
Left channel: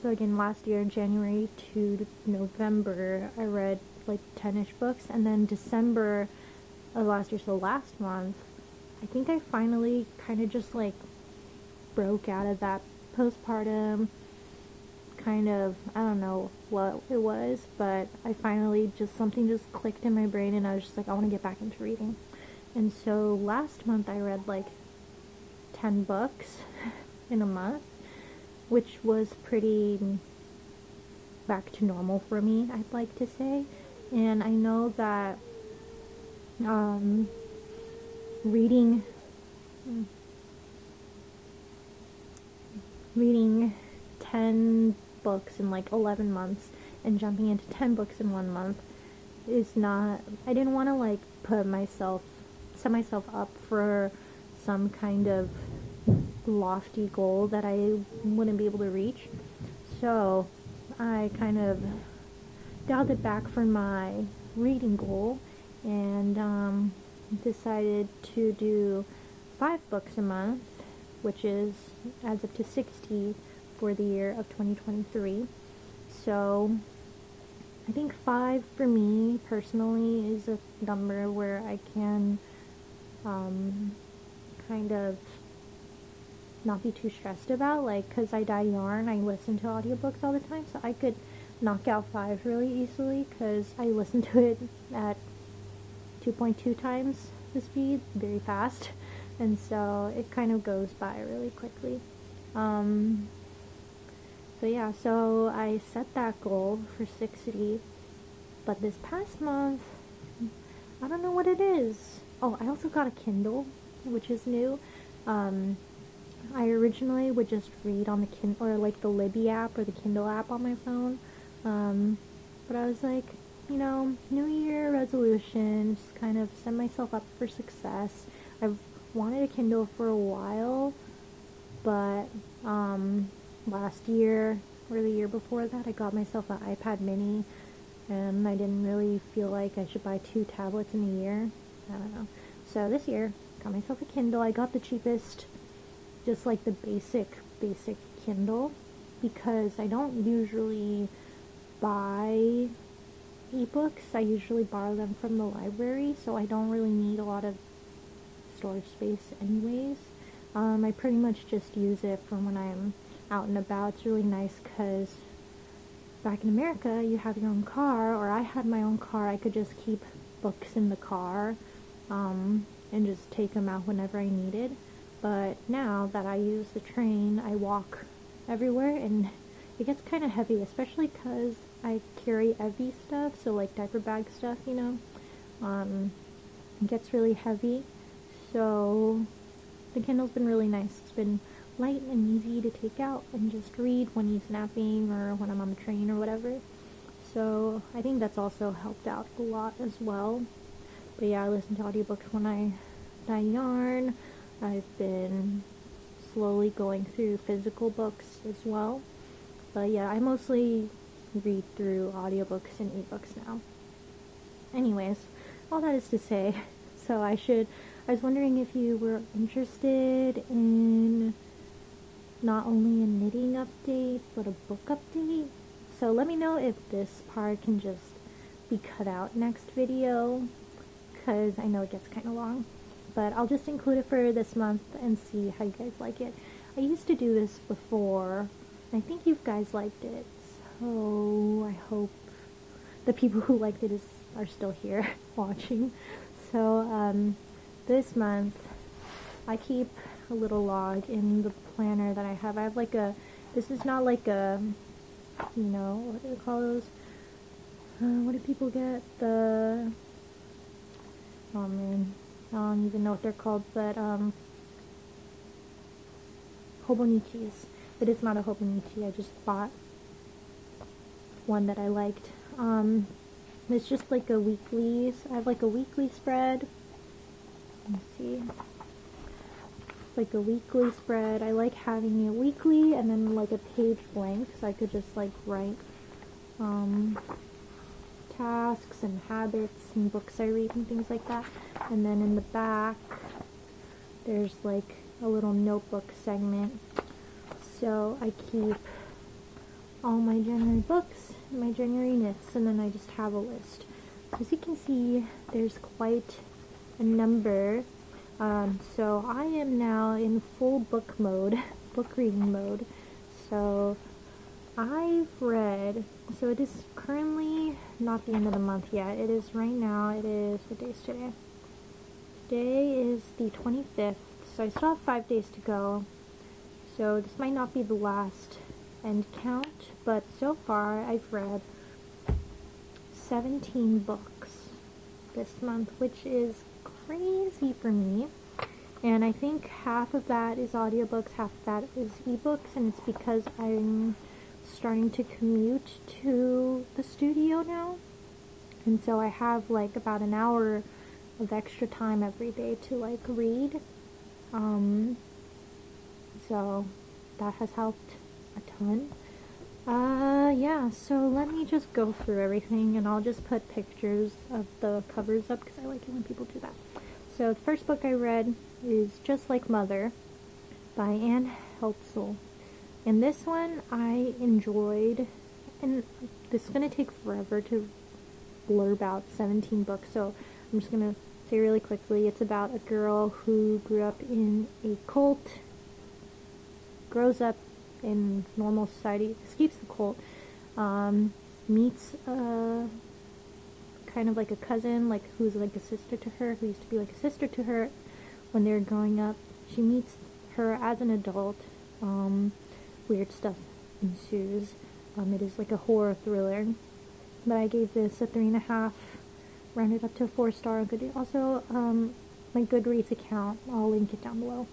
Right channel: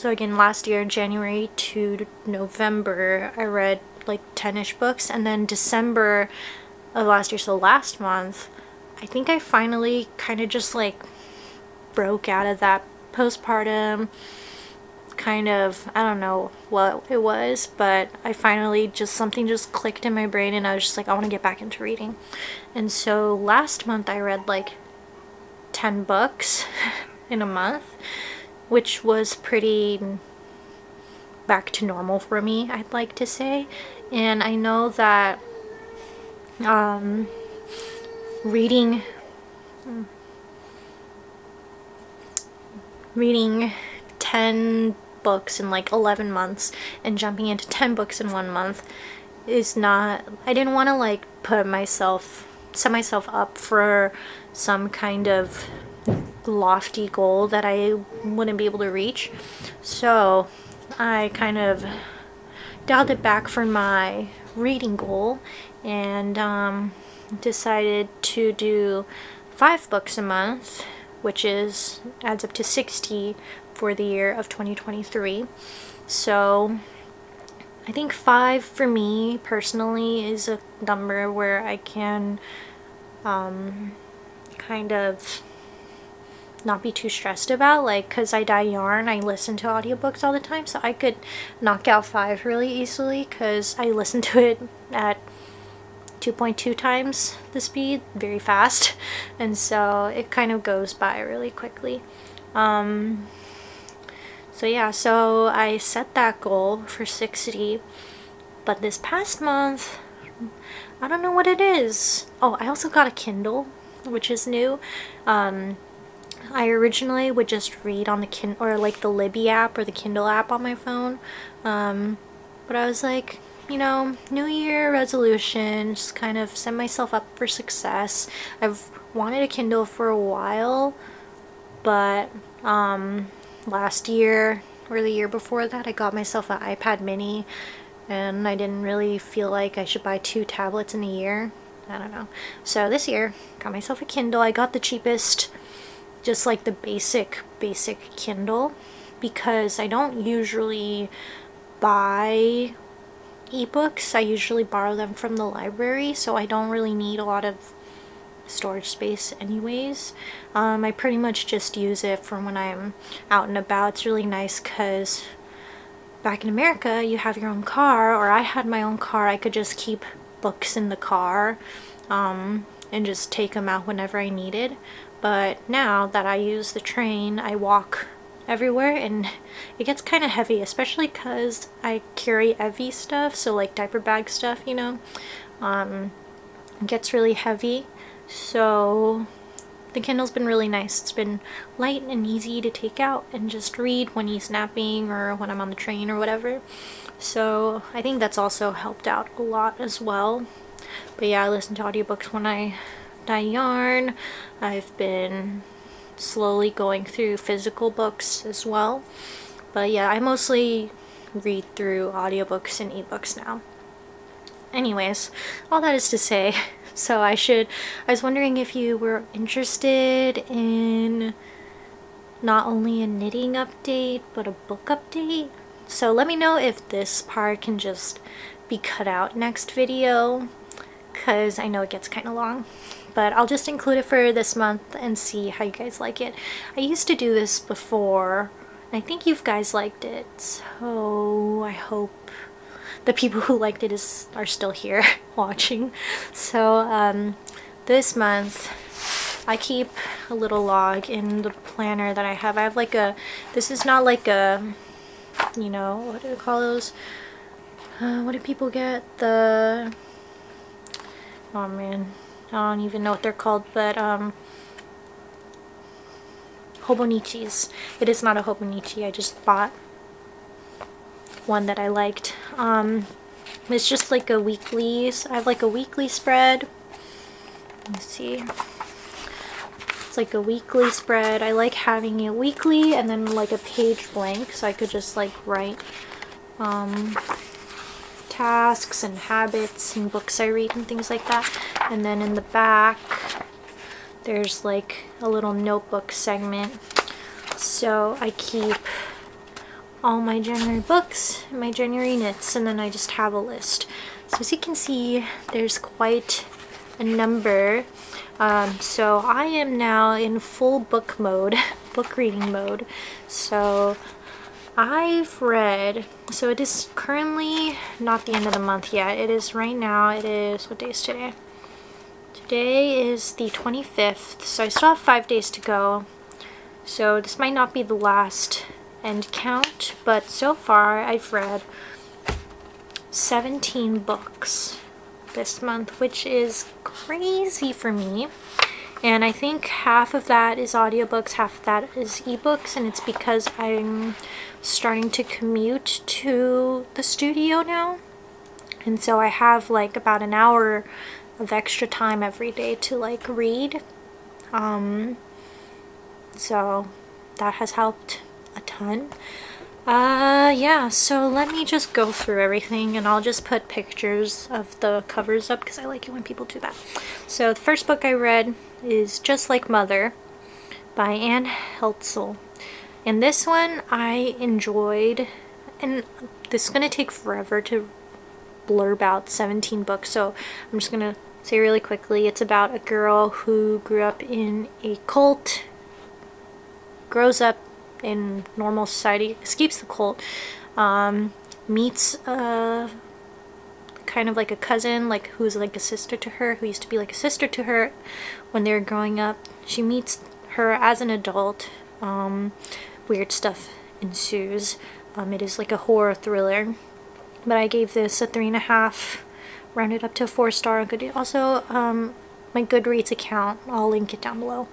again, last year, January to November, I read like 10-ish books, and then December of last year, so last month, I think I finally kind of just like broke out of that postpartum kind of, I don't know what it was, but I finally something just clicked in my brain, and I was just like, I want to get back into reading. And so last month I read like 10 books in a month, which was pretty back to normal for me, I'd like to say. And I know that reading 10 books in like 11 months and jumping into 10 books in 1 month is not, I didn't want to like set myself up for some kind of lofty goal that I wouldn't be able to reach. So I kind of dialed it back for my reading goal and decided to do 5 books a month, which adds up to 60 for the year of 2023. So I think 5 for me personally is a number where I can kind of not be too stressed about, like, because I dye yarn, I listen to audiobooks all the time, so I could knock out 5 really easily because I listen to it at 2.2 times the speed, very fast, and so it kind of goes by really quickly. So yeah, so I set that goal for 60, but this past month, I don't know what it is. Oh, I also got a Kindle, which is new. I originally would just read on the Kindle, or like the Libby app or the Kindle app on my phone, but I was like, you know, New Year resolution, just kind of set myself up for success. I've wanted a Kindle for a while, but last year or the year before that, I got myself an iPad mini, and I didn't really feel like I should buy 2 tablets in a year. I don't know. So this year, got myself a Kindle. I got the cheapest, just like the basic basic Kindle because I don't usually buy ebooks. I usually borrow them from the library, so I don't really need a lot of storage space anyways. I pretty much just use it for when I'm out and about. It's really nice because back in America you have your own car, or I had my own car. I could just keep books in the car and just take them out whenever I needed. But now that I use the train, I walk everywhere and it gets kind of heavy, especially because I carry heavy stuff, so like diaper bag stuff, you know. It gets really heavy, so the Kindle's been really nice. It's been light and easy to take out and just read when he's napping or when I'm on the train or whatever. So I think that's also helped out a lot as well. But yeah, I listen to audiobooks when I yarn. I've been slowly going through physical books as well. But yeah, I mostly read through audiobooks and ebooks now. Anyways, all that is to say, so I was wondering if you were interested in not only a knitting update, but a book update. So let me know if this part can just be cut out next video, because I know it gets kind of long. But I'll just include it for this month and see how you guys like it. I used to do this before, and I think you guys liked it, so I hope the people who liked it are still here watching. So this month I keep a little log in the planner that I have. I have like this is not like a, you know, what do they call those? What do people get? Oh man, I don't even know what they're called, but hobonichis. It is not a hobonichi. I just bought one that I liked. It's just like a weekly, I have like a weekly spread. Let's see. It's like a weekly spread. I like having it weekly and then like a page blank, so I could just like write tasks and habits and books I read and things like that. And then in the back there's like a little notebook segment, so I keep all my January books, my January knits, and then I just have a list. So as you can see, there's quite a number. So I am now in full book mode, book reading mode. So I've read, so it is currently not the end of the month yet. It is right now, it is, what day is today? Today is the 25th, so I still have 5 days to go. So this might not be the last end count, but so far I've read 17 books this month, which is crazy for me. And I think half of that is audiobooks, half of that is ebooks, and it's because I'm starting to commute to the studio now, and so I have like about an hour of extra time every day to like read. So that has helped a ton. Yeah, so let me just go through everything, and I'll just put pictures of the covers up because I like it when people do that. So the first book I read is Just Like Mother by Anne Heltzel, and this one I enjoyed, and this is gonna take forever to blurb out 17 books, so I'm just gonna say really quickly. It's about a girl who grew up in a cult, grows up in normal society, escapes the cult, meets kind of like a cousin, like who's like a sister to her, who used to be like a sister to her when they were growing up. She meets her as an adult. Weird stuff ensues. It is like a horror thriller, but I gave this a 3.5, rounded up to a 4-star. Also, my Goodreads account, I'll link it down below.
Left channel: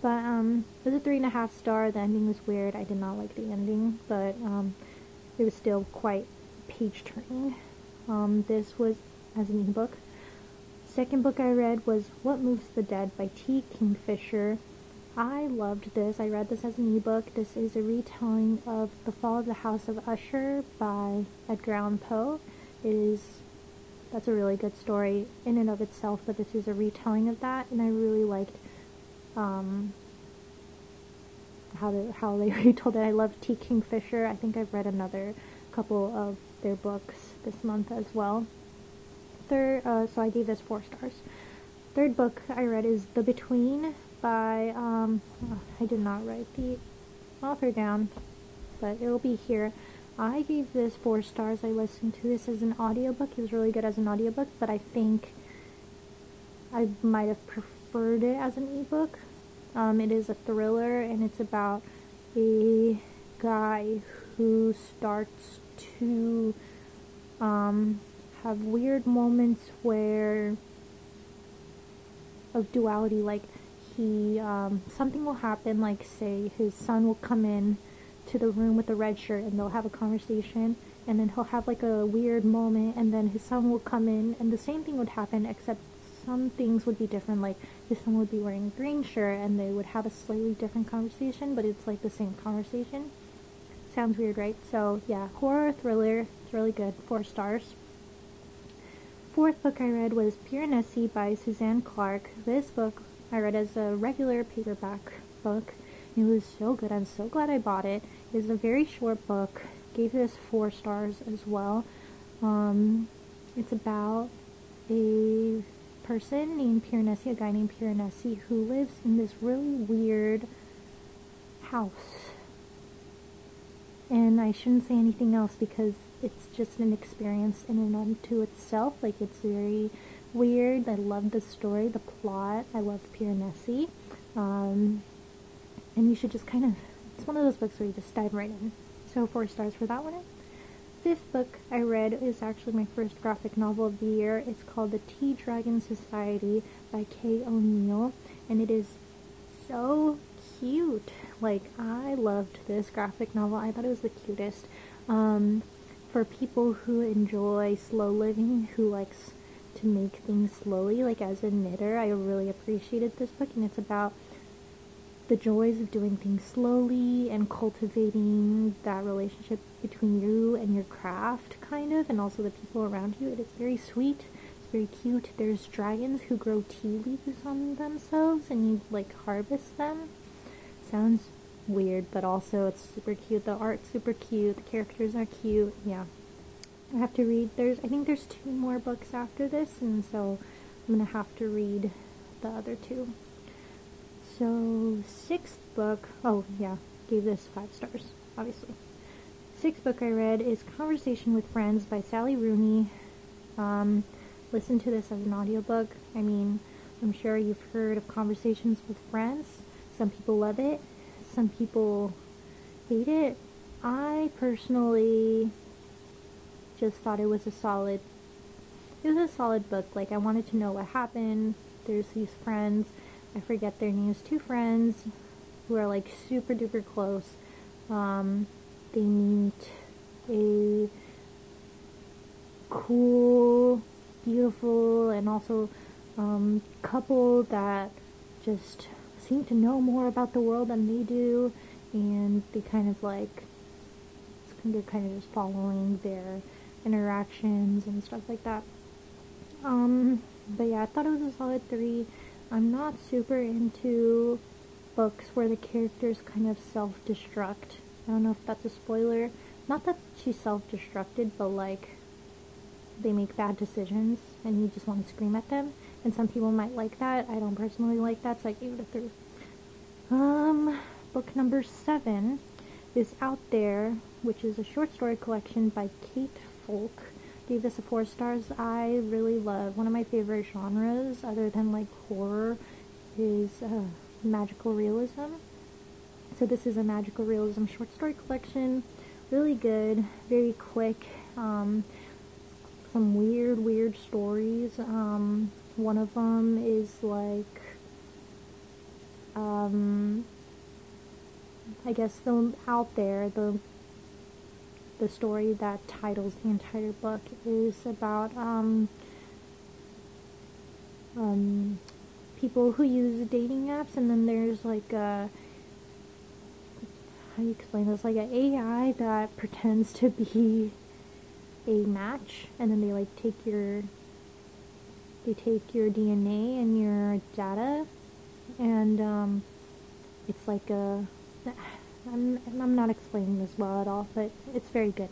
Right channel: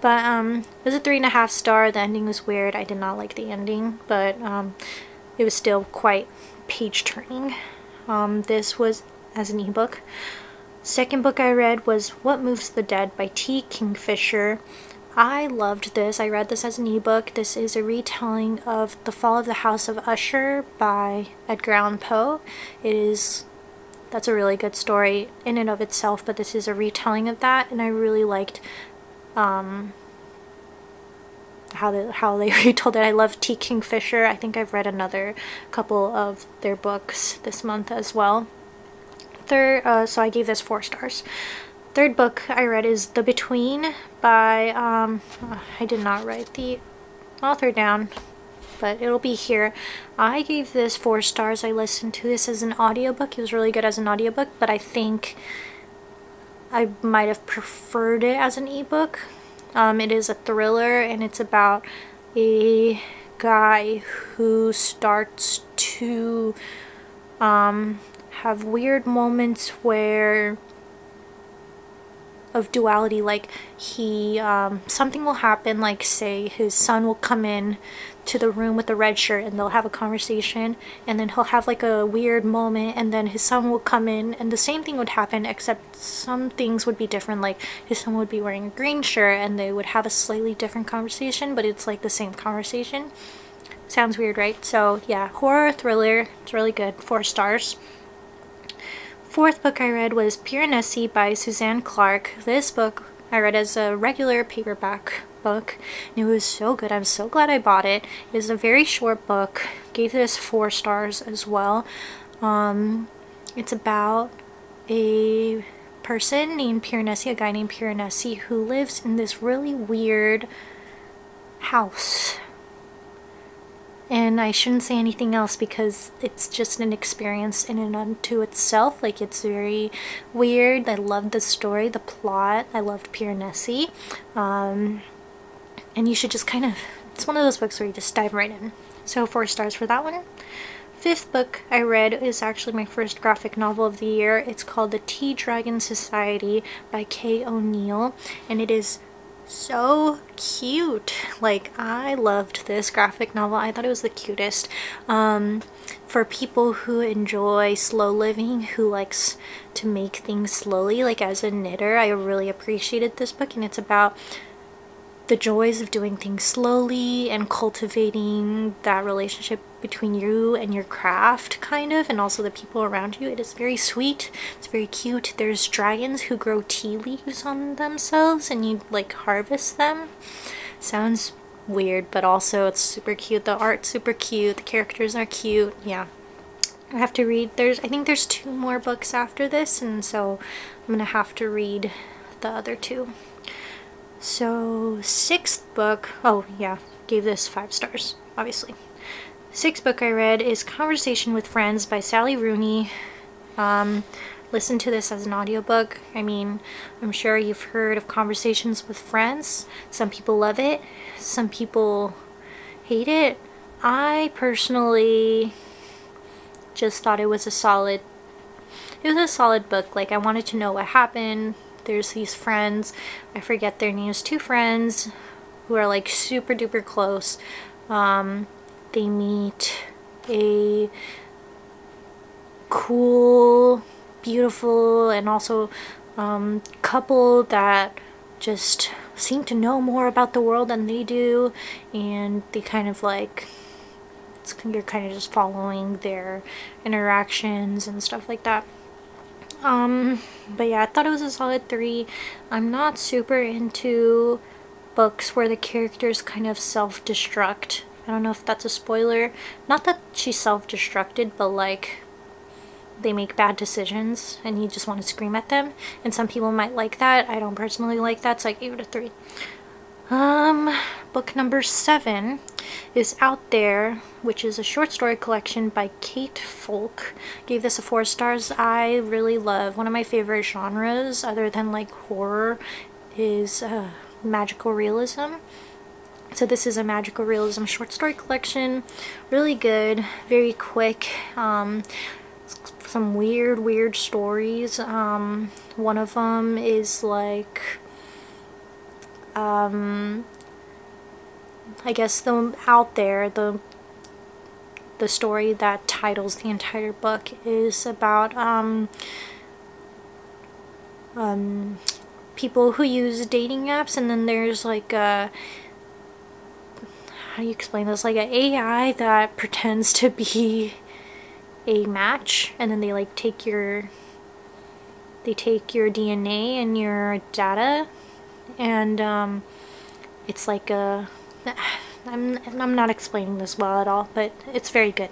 But it was a 3.5 star. The ending was weird. I did not like the ending, but it was still quite page turning. This was as an ebook. Second book I read was What Moves the Dead by T. Kingfisher. I loved this. I read this as an ebook. This is a retelling of The Fall of the House of Usher by Edgar Allan Poe. That's a really good story in and of itself, but this is a retelling of that, and I really liked how they retold it. I love T. Kingfisher. I think I've read another couple of their books this month as well. So I gave this 4 stars. Third book I read is The Between by, I did not write the author down, but it'll be here. I gave this 4 stars. I listened to this as an audiobook. It was really good as an audiobook, but I think I might have preferred it as an ebook. It is a thriller, and it's about a guy who starts to have weird moments of duality, like he something will happen, like say his son will come in to the room with the red shirt and they'll have a conversation, and then he'll have like a weird moment, and then his son will come in and the same thing would happen, except some things would be different, like his son would be wearing a green shirt and they would have a slightly different conversation, but it's like the same conversation. Sounds weird, right? So yeah, horror thriller. It's really good. 4 stars. Fourth book I read was Piranesi by Suzanne Clark. This book I read as a regular paperback book, and it was so good. I'm so glad I bought it. It was a very short book. Gave this 4 stars as well. It's about a person named Piranesi, a guy named Piranesi, who lives in this really weird house. And I shouldn't say anything else because it's just an experience in and unto itself. Like, it's very weird. I loved the story, the plot. I loved Piranesi. And you should just kind of, it's one of those books where you just dive right in. So 4 stars for that one. Fifth book I read is actually my first graphic novel of the year. It's called The Tea Dragon Society by Kay O'Neill, and it is so cute. Like, I loved this graphic novel. I thought it was the cutest. For people who enjoy slow living, who likes to make things slowly, like as a knitter, I really appreciated this book, and it's about the joys of doing things slowly and cultivating that relationship between you and your craft, kind of, and also the people around you. It is very sweet. It's very cute. There's dragons who grow tea leaves on themselves and you like harvest them. Sounds weird, but also it's super cute. The art's super cute. The characters are cute. Yeah. I have to read. I think there's 2 more books after this, and so I'm gonna have to read the other 2. So 6th book, oh yeah, gave this 5 stars, obviously. 6th book I read is Conversation with Friends by Sally Rooney. Listen to this as an audiobook. I mean, I'm sure you've heard of Conversations with Friends. Some people love it, some people hate it. I personally just thought it was a solid book. Like, I wanted to know what happened. There's these friends, I forget their names, 2 friends who are like super duper close. They meet a cool, beautiful, and also couple that just seem to know more about the world than they do, and they kind of like, you're kind of just following their interactions and stuff like that. But yeah, I thought it was a solid 3. I'm not super into books where the characters kind of self-destruct. I don't know if that's a spoiler. Not that she self-destructed, but like they make bad decisions and you just want to scream at them. And some people might like that. I don't personally like that, so I gave it a 3. Book number 7 is Out There, which is a short story collection by Kate Folk. Gave this a 4 stars. I really love, one of my favorite genres other than like horror is magical realism. So this is a magical realism short story collection. Really good, very quick. Some weird stories. One of them is like I guess the Out There, the story that titles the entire book is about people who use dating apps, and then there's like a, how do you explain this, like an AI that pretends to be a match, and then they like take your DNA and your data, and it's like a I'm not explaining this well at all, but it's very good.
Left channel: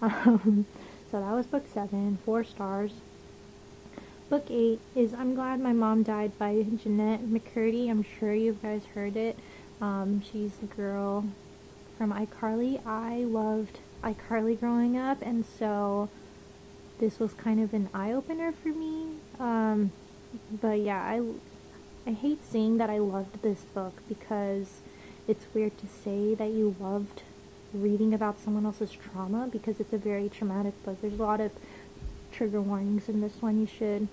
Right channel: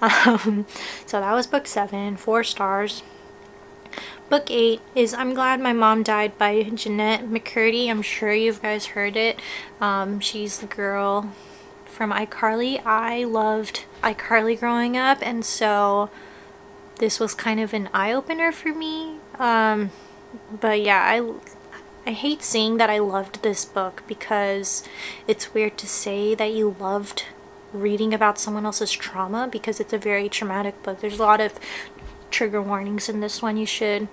So that was book 7, 4 stars. Book 8 is I'm Glad My Mom Died by Jeanette McCurdy. I'm sure you guys heard it. She's the girl from iCarly. I loved iCarly growing up, and so this was kind of an eye-opener for me. But yeah, I hate saying that I loved this book because it's weird to say that you loved reading about someone else's trauma, because it's a very traumatic book. There's a lot of trigger warnings in this one. You should,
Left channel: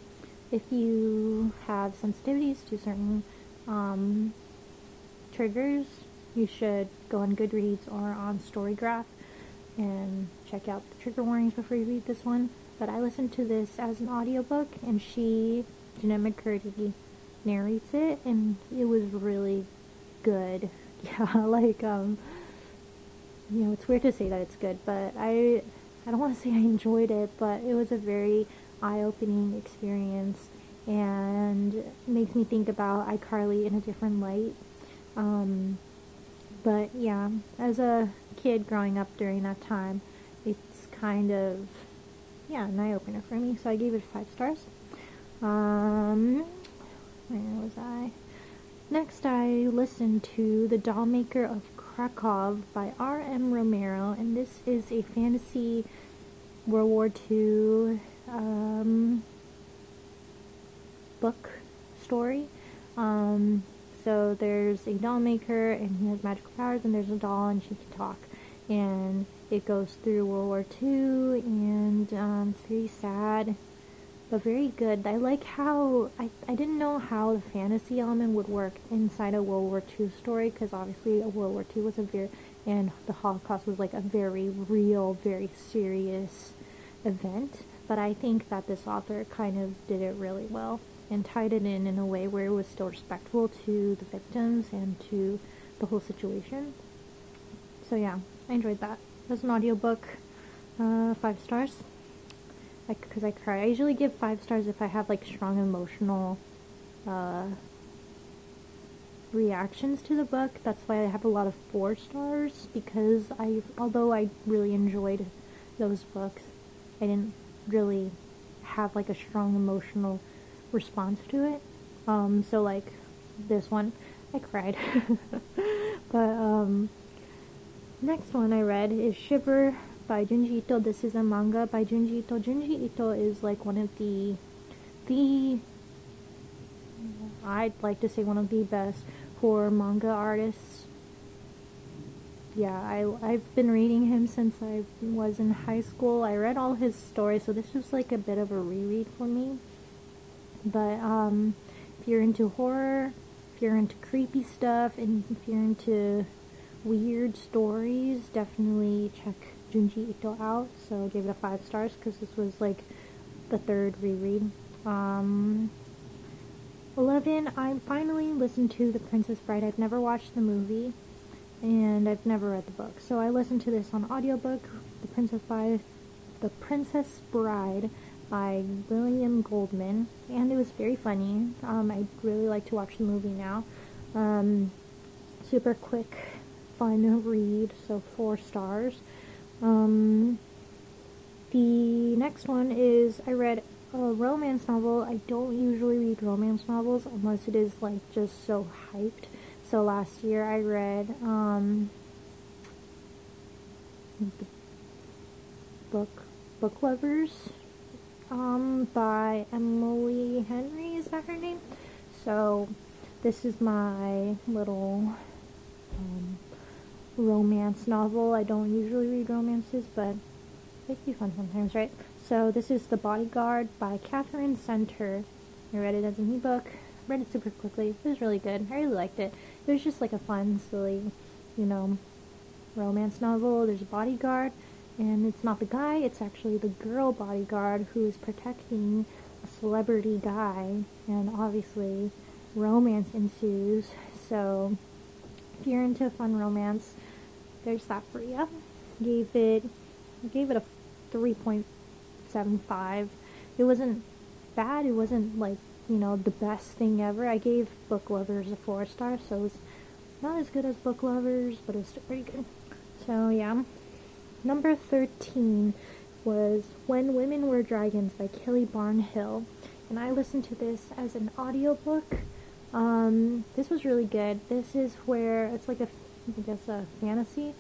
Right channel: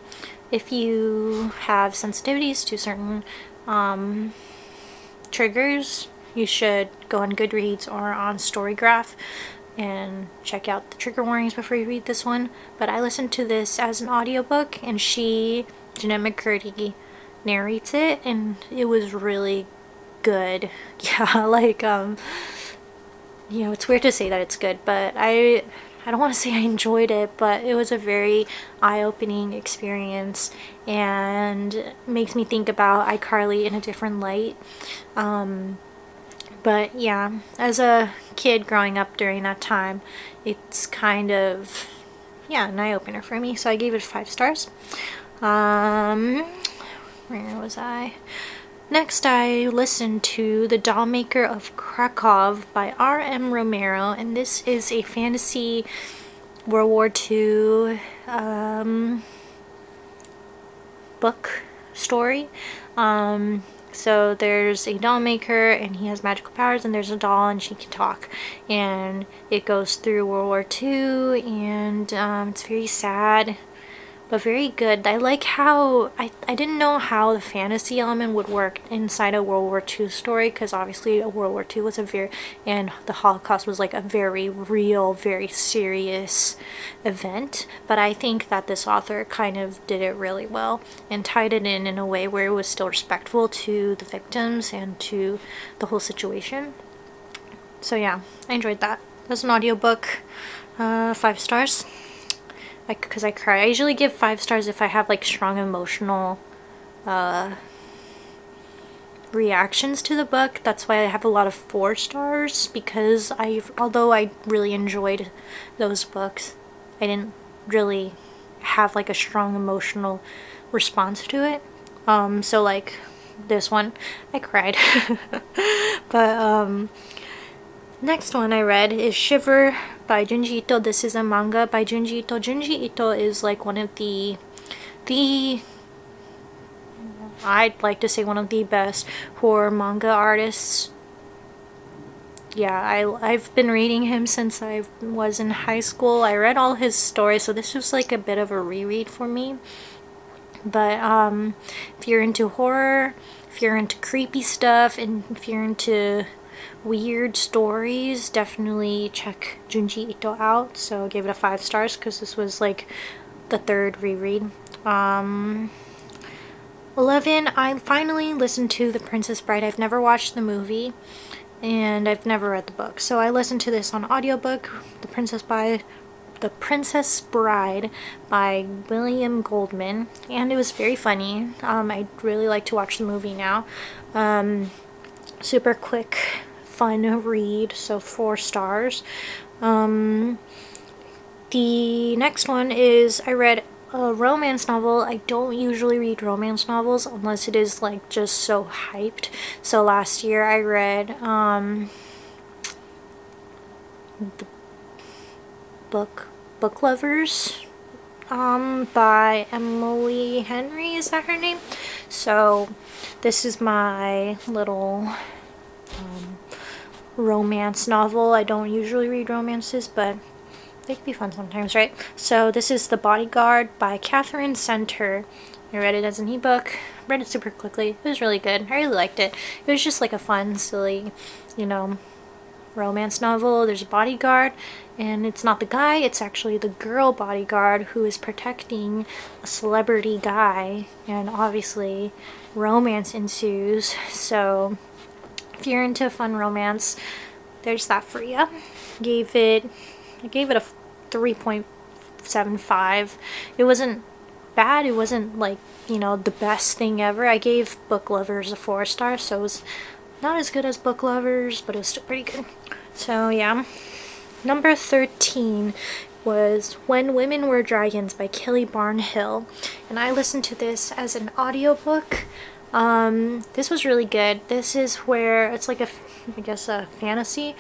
if you have sensitivities to certain triggers, you should go on Goodreads or on Storygraph and check out the trigger warnings before you read this one. But I listened to this as an audiobook, and Jeanette McCurdy, narrates it, and it was really good. Yeah, like you know, it's weird to say that it's good, but I don't want to say I enjoyed it, but it was a very eye-opening experience and makes me think about iCarly in a different light. But yeah, as a kid growing up during that time, it's kind of, yeah, an eye-opener for me, so I gave it 5 stars. Where was I? Next, I listened to The Dollmaker of Krakov by R.M. Romero, and this is a fantasy World War II book story. So there's a doll maker, and he has magical powers, and there's a doll, and she can talk, and it goes through World War II, and it's very sad, but very good. I like how, I didn't know how the fantasy element would work inside a World War II story, because obviously World War II was and the Holocaust was like a very real, very serious event, but I think that this author kind of did it really well and tied it in a way where it was still respectful to the victims and to the whole situation. So yeah, I enjoyed that. It was an audiobook, 5 stars. Because I cry. I usually give 5 stars if I have like strong emotional reactions to the book. That's why I have a lot of 4 stars, because although I really enjoyed those books, I didn't really have like a strong emotional response to it. So like this one, I cried. But next one I read is Shiver by Junji Ito. This is a manga by Junji Ito. Junji Ito is like one of the I'd like to say one of the best horror manga artists. Yeah, I've been reading him since I was in high school. I read all his stories, so this was like a bit of a reread for me. But if you're into horror, if you're into creepy stuff, and if you're into weird stories, definitely check Junji Ito out. So I gave it a 5 stars because this was like the 3rd reread. 11, I finally listened to The Princess Bride. I've never watched the movie and I've never read the book, so I listened to this on audiobook. The Princess Bride by William Goldman, and it was very funny. I'd really like to watch the movie now. Super quick, fun read, so 4 stars. The next one is, I read a romance novel. I don't usually read romance novels unless it is like just so hyped. So last year I read Book Lovers by Emily Henry, is that her name? So this is my little romance novel. I don't usually read romances, but they can be fun sometimes, right? So this is The Bodyguard by Catherine Center. I read it as an ebook. Read it super quickly. It was really good. I really liked it. It was just like a fun, silly, you know, romance novel. There's a bodyguard, and it's not the guy, it's actually the girl bodyguard who is protecting a celebrity guy, and obviously romance ensues. So if you're into fun romance, there's that for you. I gave it a 3.75. It wasn't bad. It wasn't like, you know, the best thing ever. I gave Book Lovers a 4 star, so it was Not as good as Book Lovers, but it was still pretty good. So yeah. Number 13 was When Women Were Dragons by Kelly Barnhill. And I listened to this as an audiobook. This was really good. This is where it's like a fantasy,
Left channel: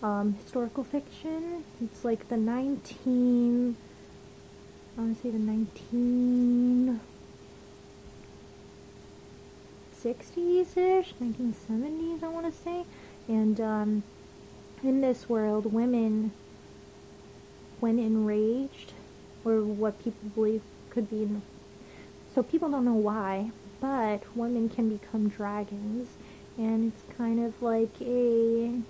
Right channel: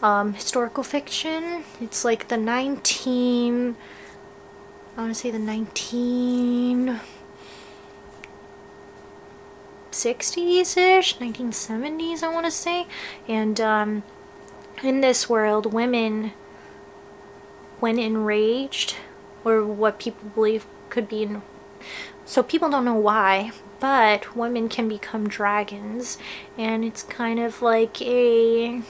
historical fiction. It's like the 1960s-ish, 1970s, I want to say. And in this world, women, when enraged, or what people believe could be, so people don't know why, but women can become dragons, and it's kind of like it's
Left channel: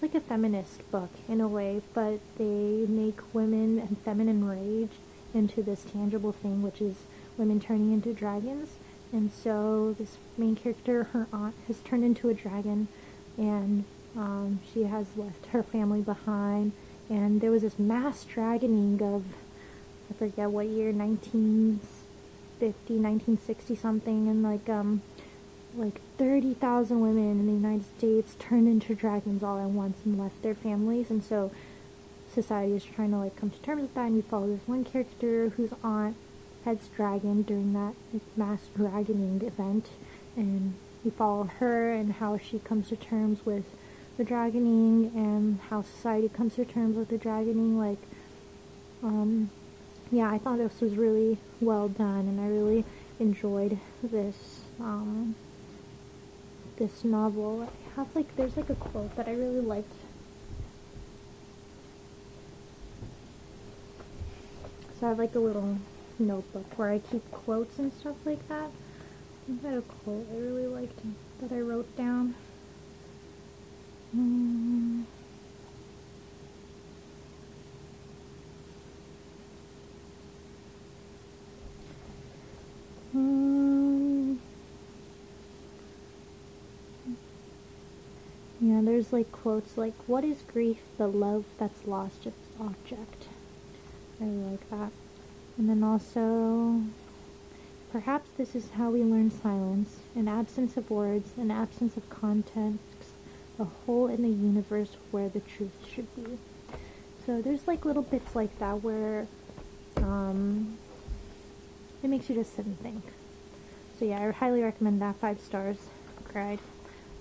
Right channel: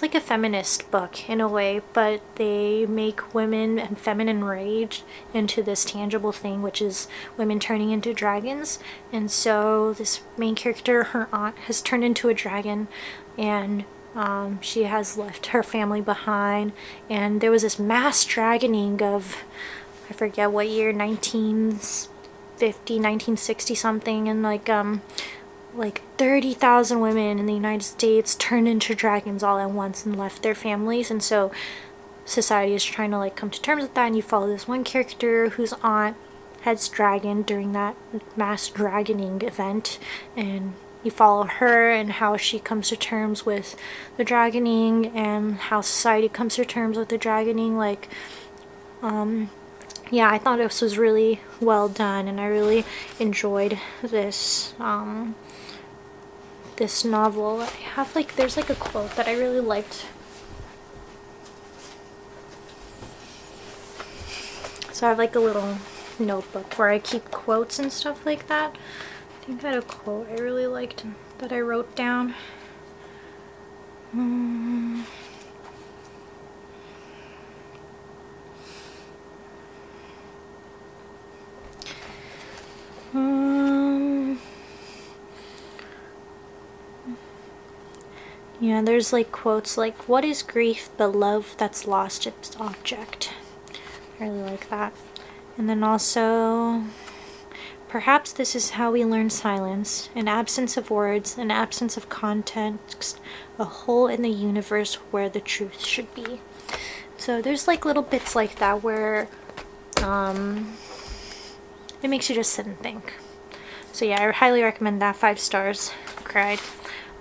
like a feminist book in a way, but they make women and feminine rage into this tangible thing, which is women turning into dragons. And so this main character, her aunt, has turned into a dragon, and she has left her family behind. And there was this mass dragoning of, I forget what year, 1950, 1960 something, and like 30,000 women in the United States turned into dragons all at once and left their families. And so society is trying to like come to terms with that, and you follow this one character whose aunt has dragoned during that mass dragoning event, and you follow her and how she comes to terms with the dragoning and how society comes to terms with the dragoning. Like, yeah, I thought this was really well done, and I really enjoyed this this novel. I have like, there's like a quote that I really liked. So I have like a little notebook where I keep quotes and stuff like that. I think I had a quote I really liked that I wrote down. Yeah, there's like quotes like, "What is grief but love that's lost its object?" I really like that. And then also, "Perhaps this is how we learn silence, an absence of words, an absence of context, a hole in the universe where the truth should be." So there's like little bits like that where it makes you just sit and think. So yeah, I highly recommend that. 5 stars. Cried.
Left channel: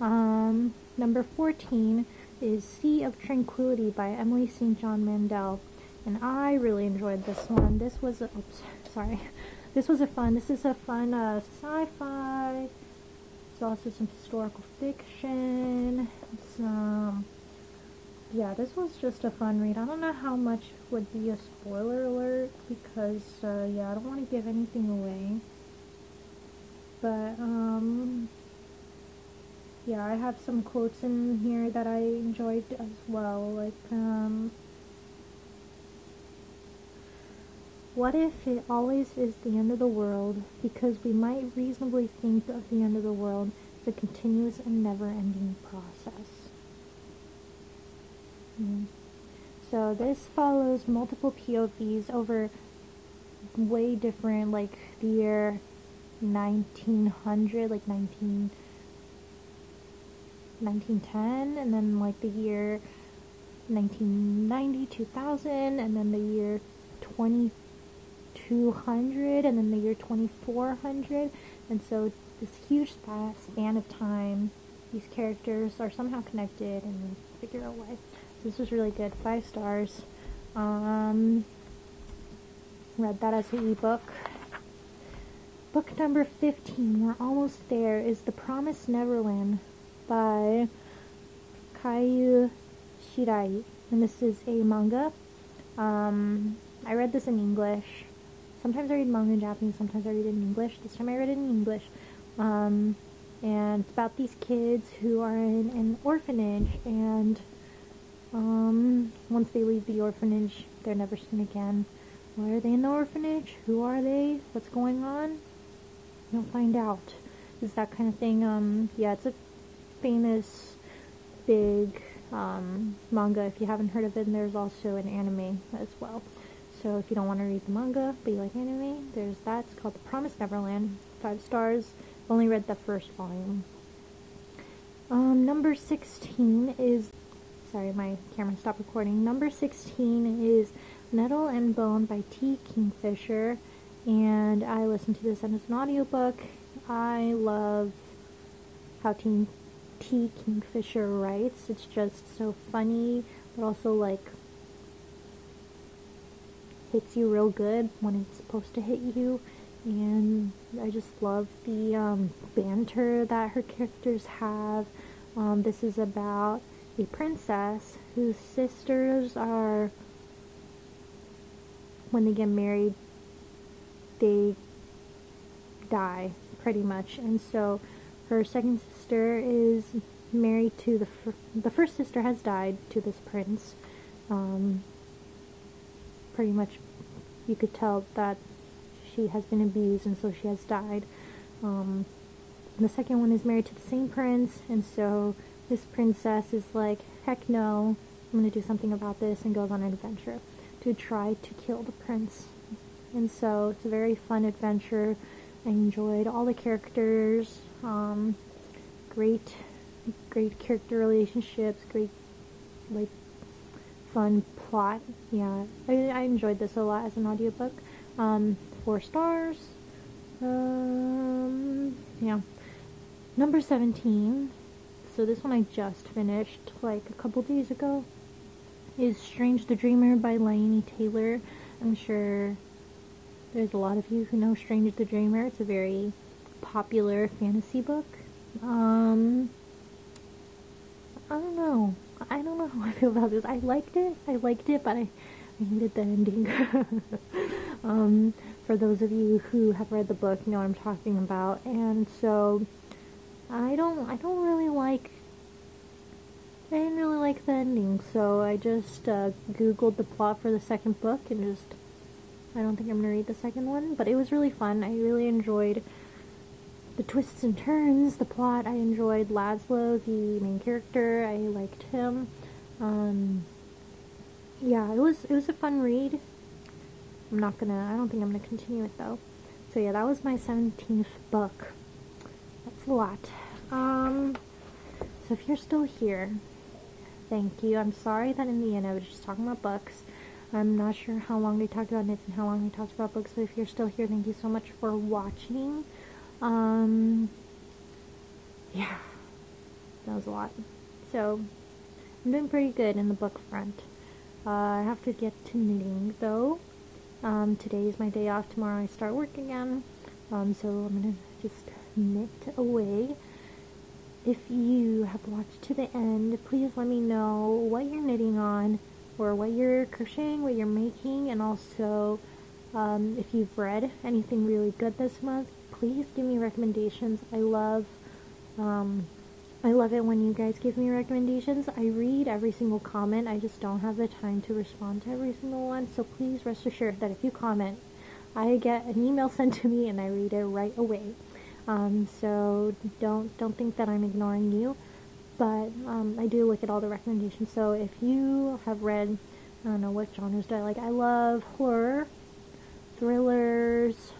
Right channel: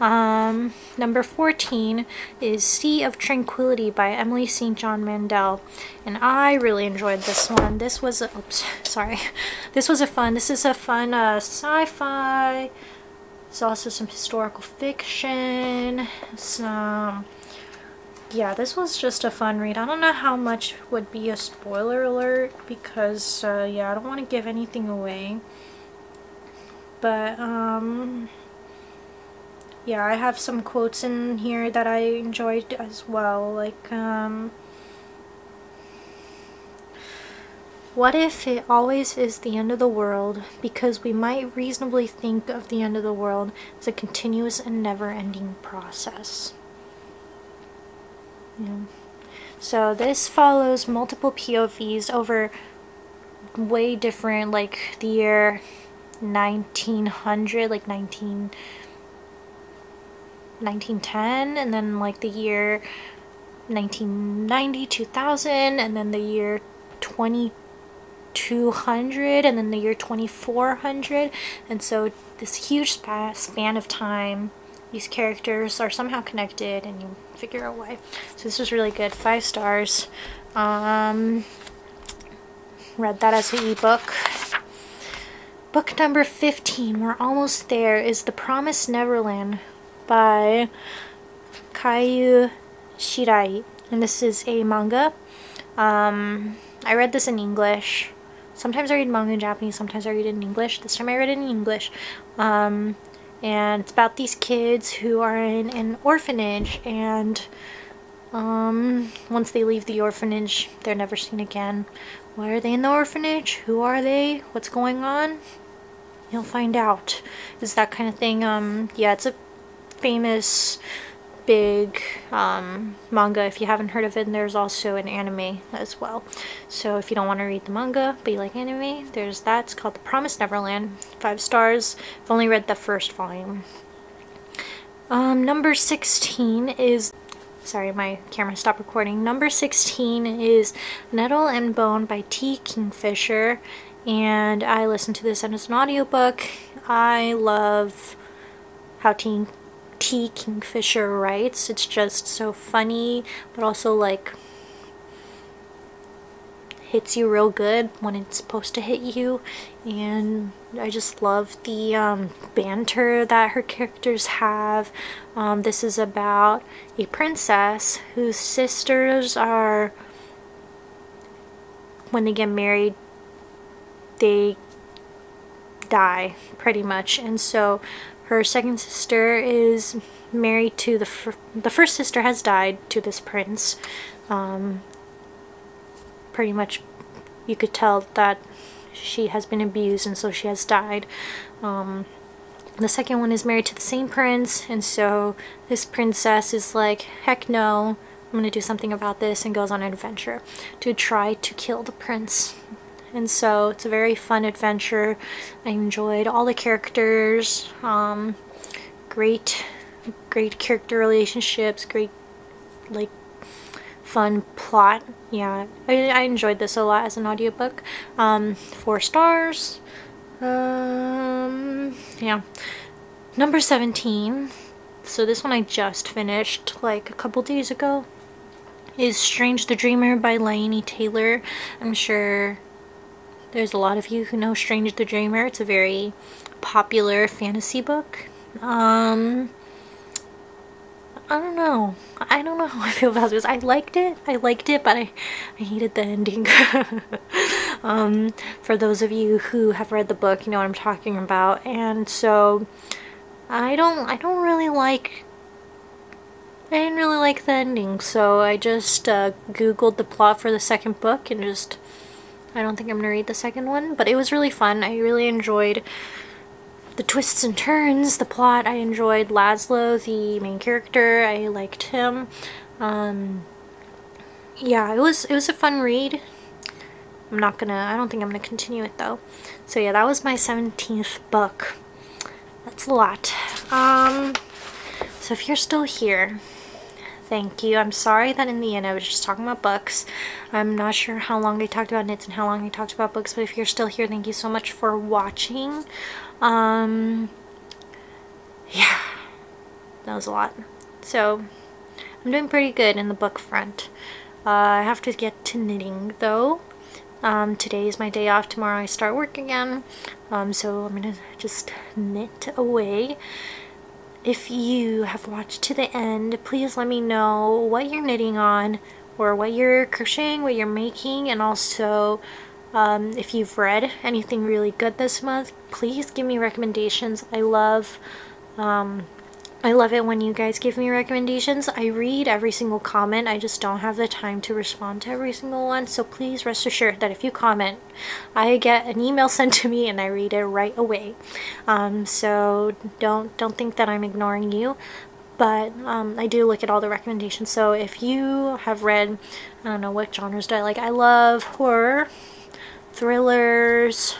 Number 14 is Sea of Tranquility by Emily St. John Mandel, and I really enjoyed this one. This was a, this is a fun sci-fi. There's also some historical fiction, some, yeah, this was just a fun read. I don't know how much would be a spoiler alert because yeah, I don't want to give anything away, but yeah, I have some quotes in here that I enjoyed as well, like, "What if it always is the end of the world, because we might reasonably think of the end of the world as a continuous and never-ending process." Yeah. So this follows multiple POVs over way different, like the year 1900, like 1910, and then like the year 1990, 2000, and then the year 2200, and then the year 2400. And so this huge span of time, these characters are somehow connected, and you figure out why. So this was really good. 5 stars. Read that as an ebook. Book number 15, we're almost there, is The Promise Neverland by Kayu Shirai, and this is a manga. I read this in English. Sometimes I read manga in Japanese, sometimes I read it in English. This time I read it in English. And it's about these kids who are in an orphanage, and once they leave the orphanage, they're never seen again. Why are they in the orphanage? Who are they? What's going on? You'll find out. It's that kind of thing. Yeah, it's a famous big manga if you haven't heard of it, and there's also an anime as well. So if you don't want to read the manga but you like anime, there's that. It's called The Promise Neverland. 5 stars. I've only read the first volume. Number 16 is, sorry, my camera stopped recording. Number 16 is Nettle and Bone by T. Kingfisher, and I listened to this as an audiobook. I love how T. Kingfisher writes. It's just so funny, but also like hits you real good when it's supposed to hit you, and I just love the banter that her characters have. This is about a princess whose sisters are, when they get married, they die pretty much, and so her second sister is married to the first sister has died to this prince. Pretty much you could tell that she has been abused, and so she has died. The second one is married to the same prince, and so this princess is like, heck no, I'm gonna do something about this, and goes on an adventure to try to kill the prince. And so it's a very fun adventure. I enjoyed all the characters, great character relationships, great like fun plot. Yeah, I enjoyed this a lot as an audiobook. 4 stars. Yeah. Number 17, so this one I just finished like a couple days ago, is Strange the Dreamer by Laini Taylor. I'm sure there's a lot of you who know Strange the Dreamer. It's a very popular fantasy book. I don't know how I feel about this. I liked it, but I hated the ending. For those of you who have read the book, you know what I'm talking about. And so I didn't really like the ending, so I just googled the plot for the second book, and just, I don't think I'm gonna read the second one, but it was really fun. I really enjoyed the twists and turns, the plot. I enjoyed Laszlo, the main character. I liked him. Yeah, it was a fun read. I don't think I'm gonna continue it though. So yeah, that was my 17th book. That's a lot. So if you're still here, thank you. I'm sorry that in the end I was just talking about books. I'm not sure how long I talked about knits and how long I talked about books, but if you're still here, thank you so much for watching. Yeah, that was a lot. So I'm doing pretty good in the book front. I have to get to knitting though. Today is my day off. Tomorrow I start work again. So I'm gonna just knit away. If you have watched to the end, please let me know what you're knitting on, or what you're crocheting, what you're making, and also if you've read anything really good this month, please give me recommendations. I love it when you guys give me recommendations. I read every single comment. I just don't have the time to respond to every single one. So please rest assured that if you comment, I get an email sent to me and I read it right away. So don't think that I'm ignoring you. But I do look at all the recommendations. So if you have read, I don't know, what genres do I like? I love horror, thrillers,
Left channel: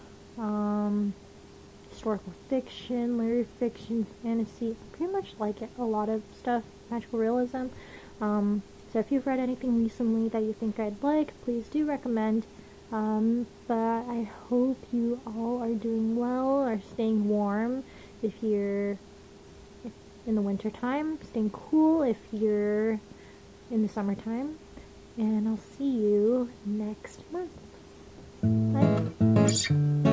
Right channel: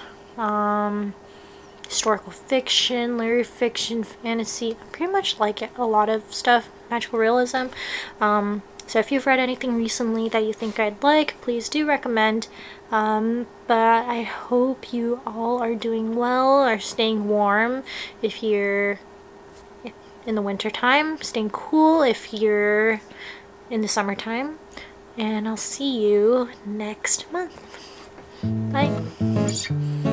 historical fiction, literary fiction, fantasy. I pretty much like it, a lot of stuff, magical realism. So if you've read anything recently that you think I'd like, please do recommend. But I hope you all are doing well, are staying warm if you're in the winter time, staying cool if you're in the summertime, and I'll see you next month. Bye.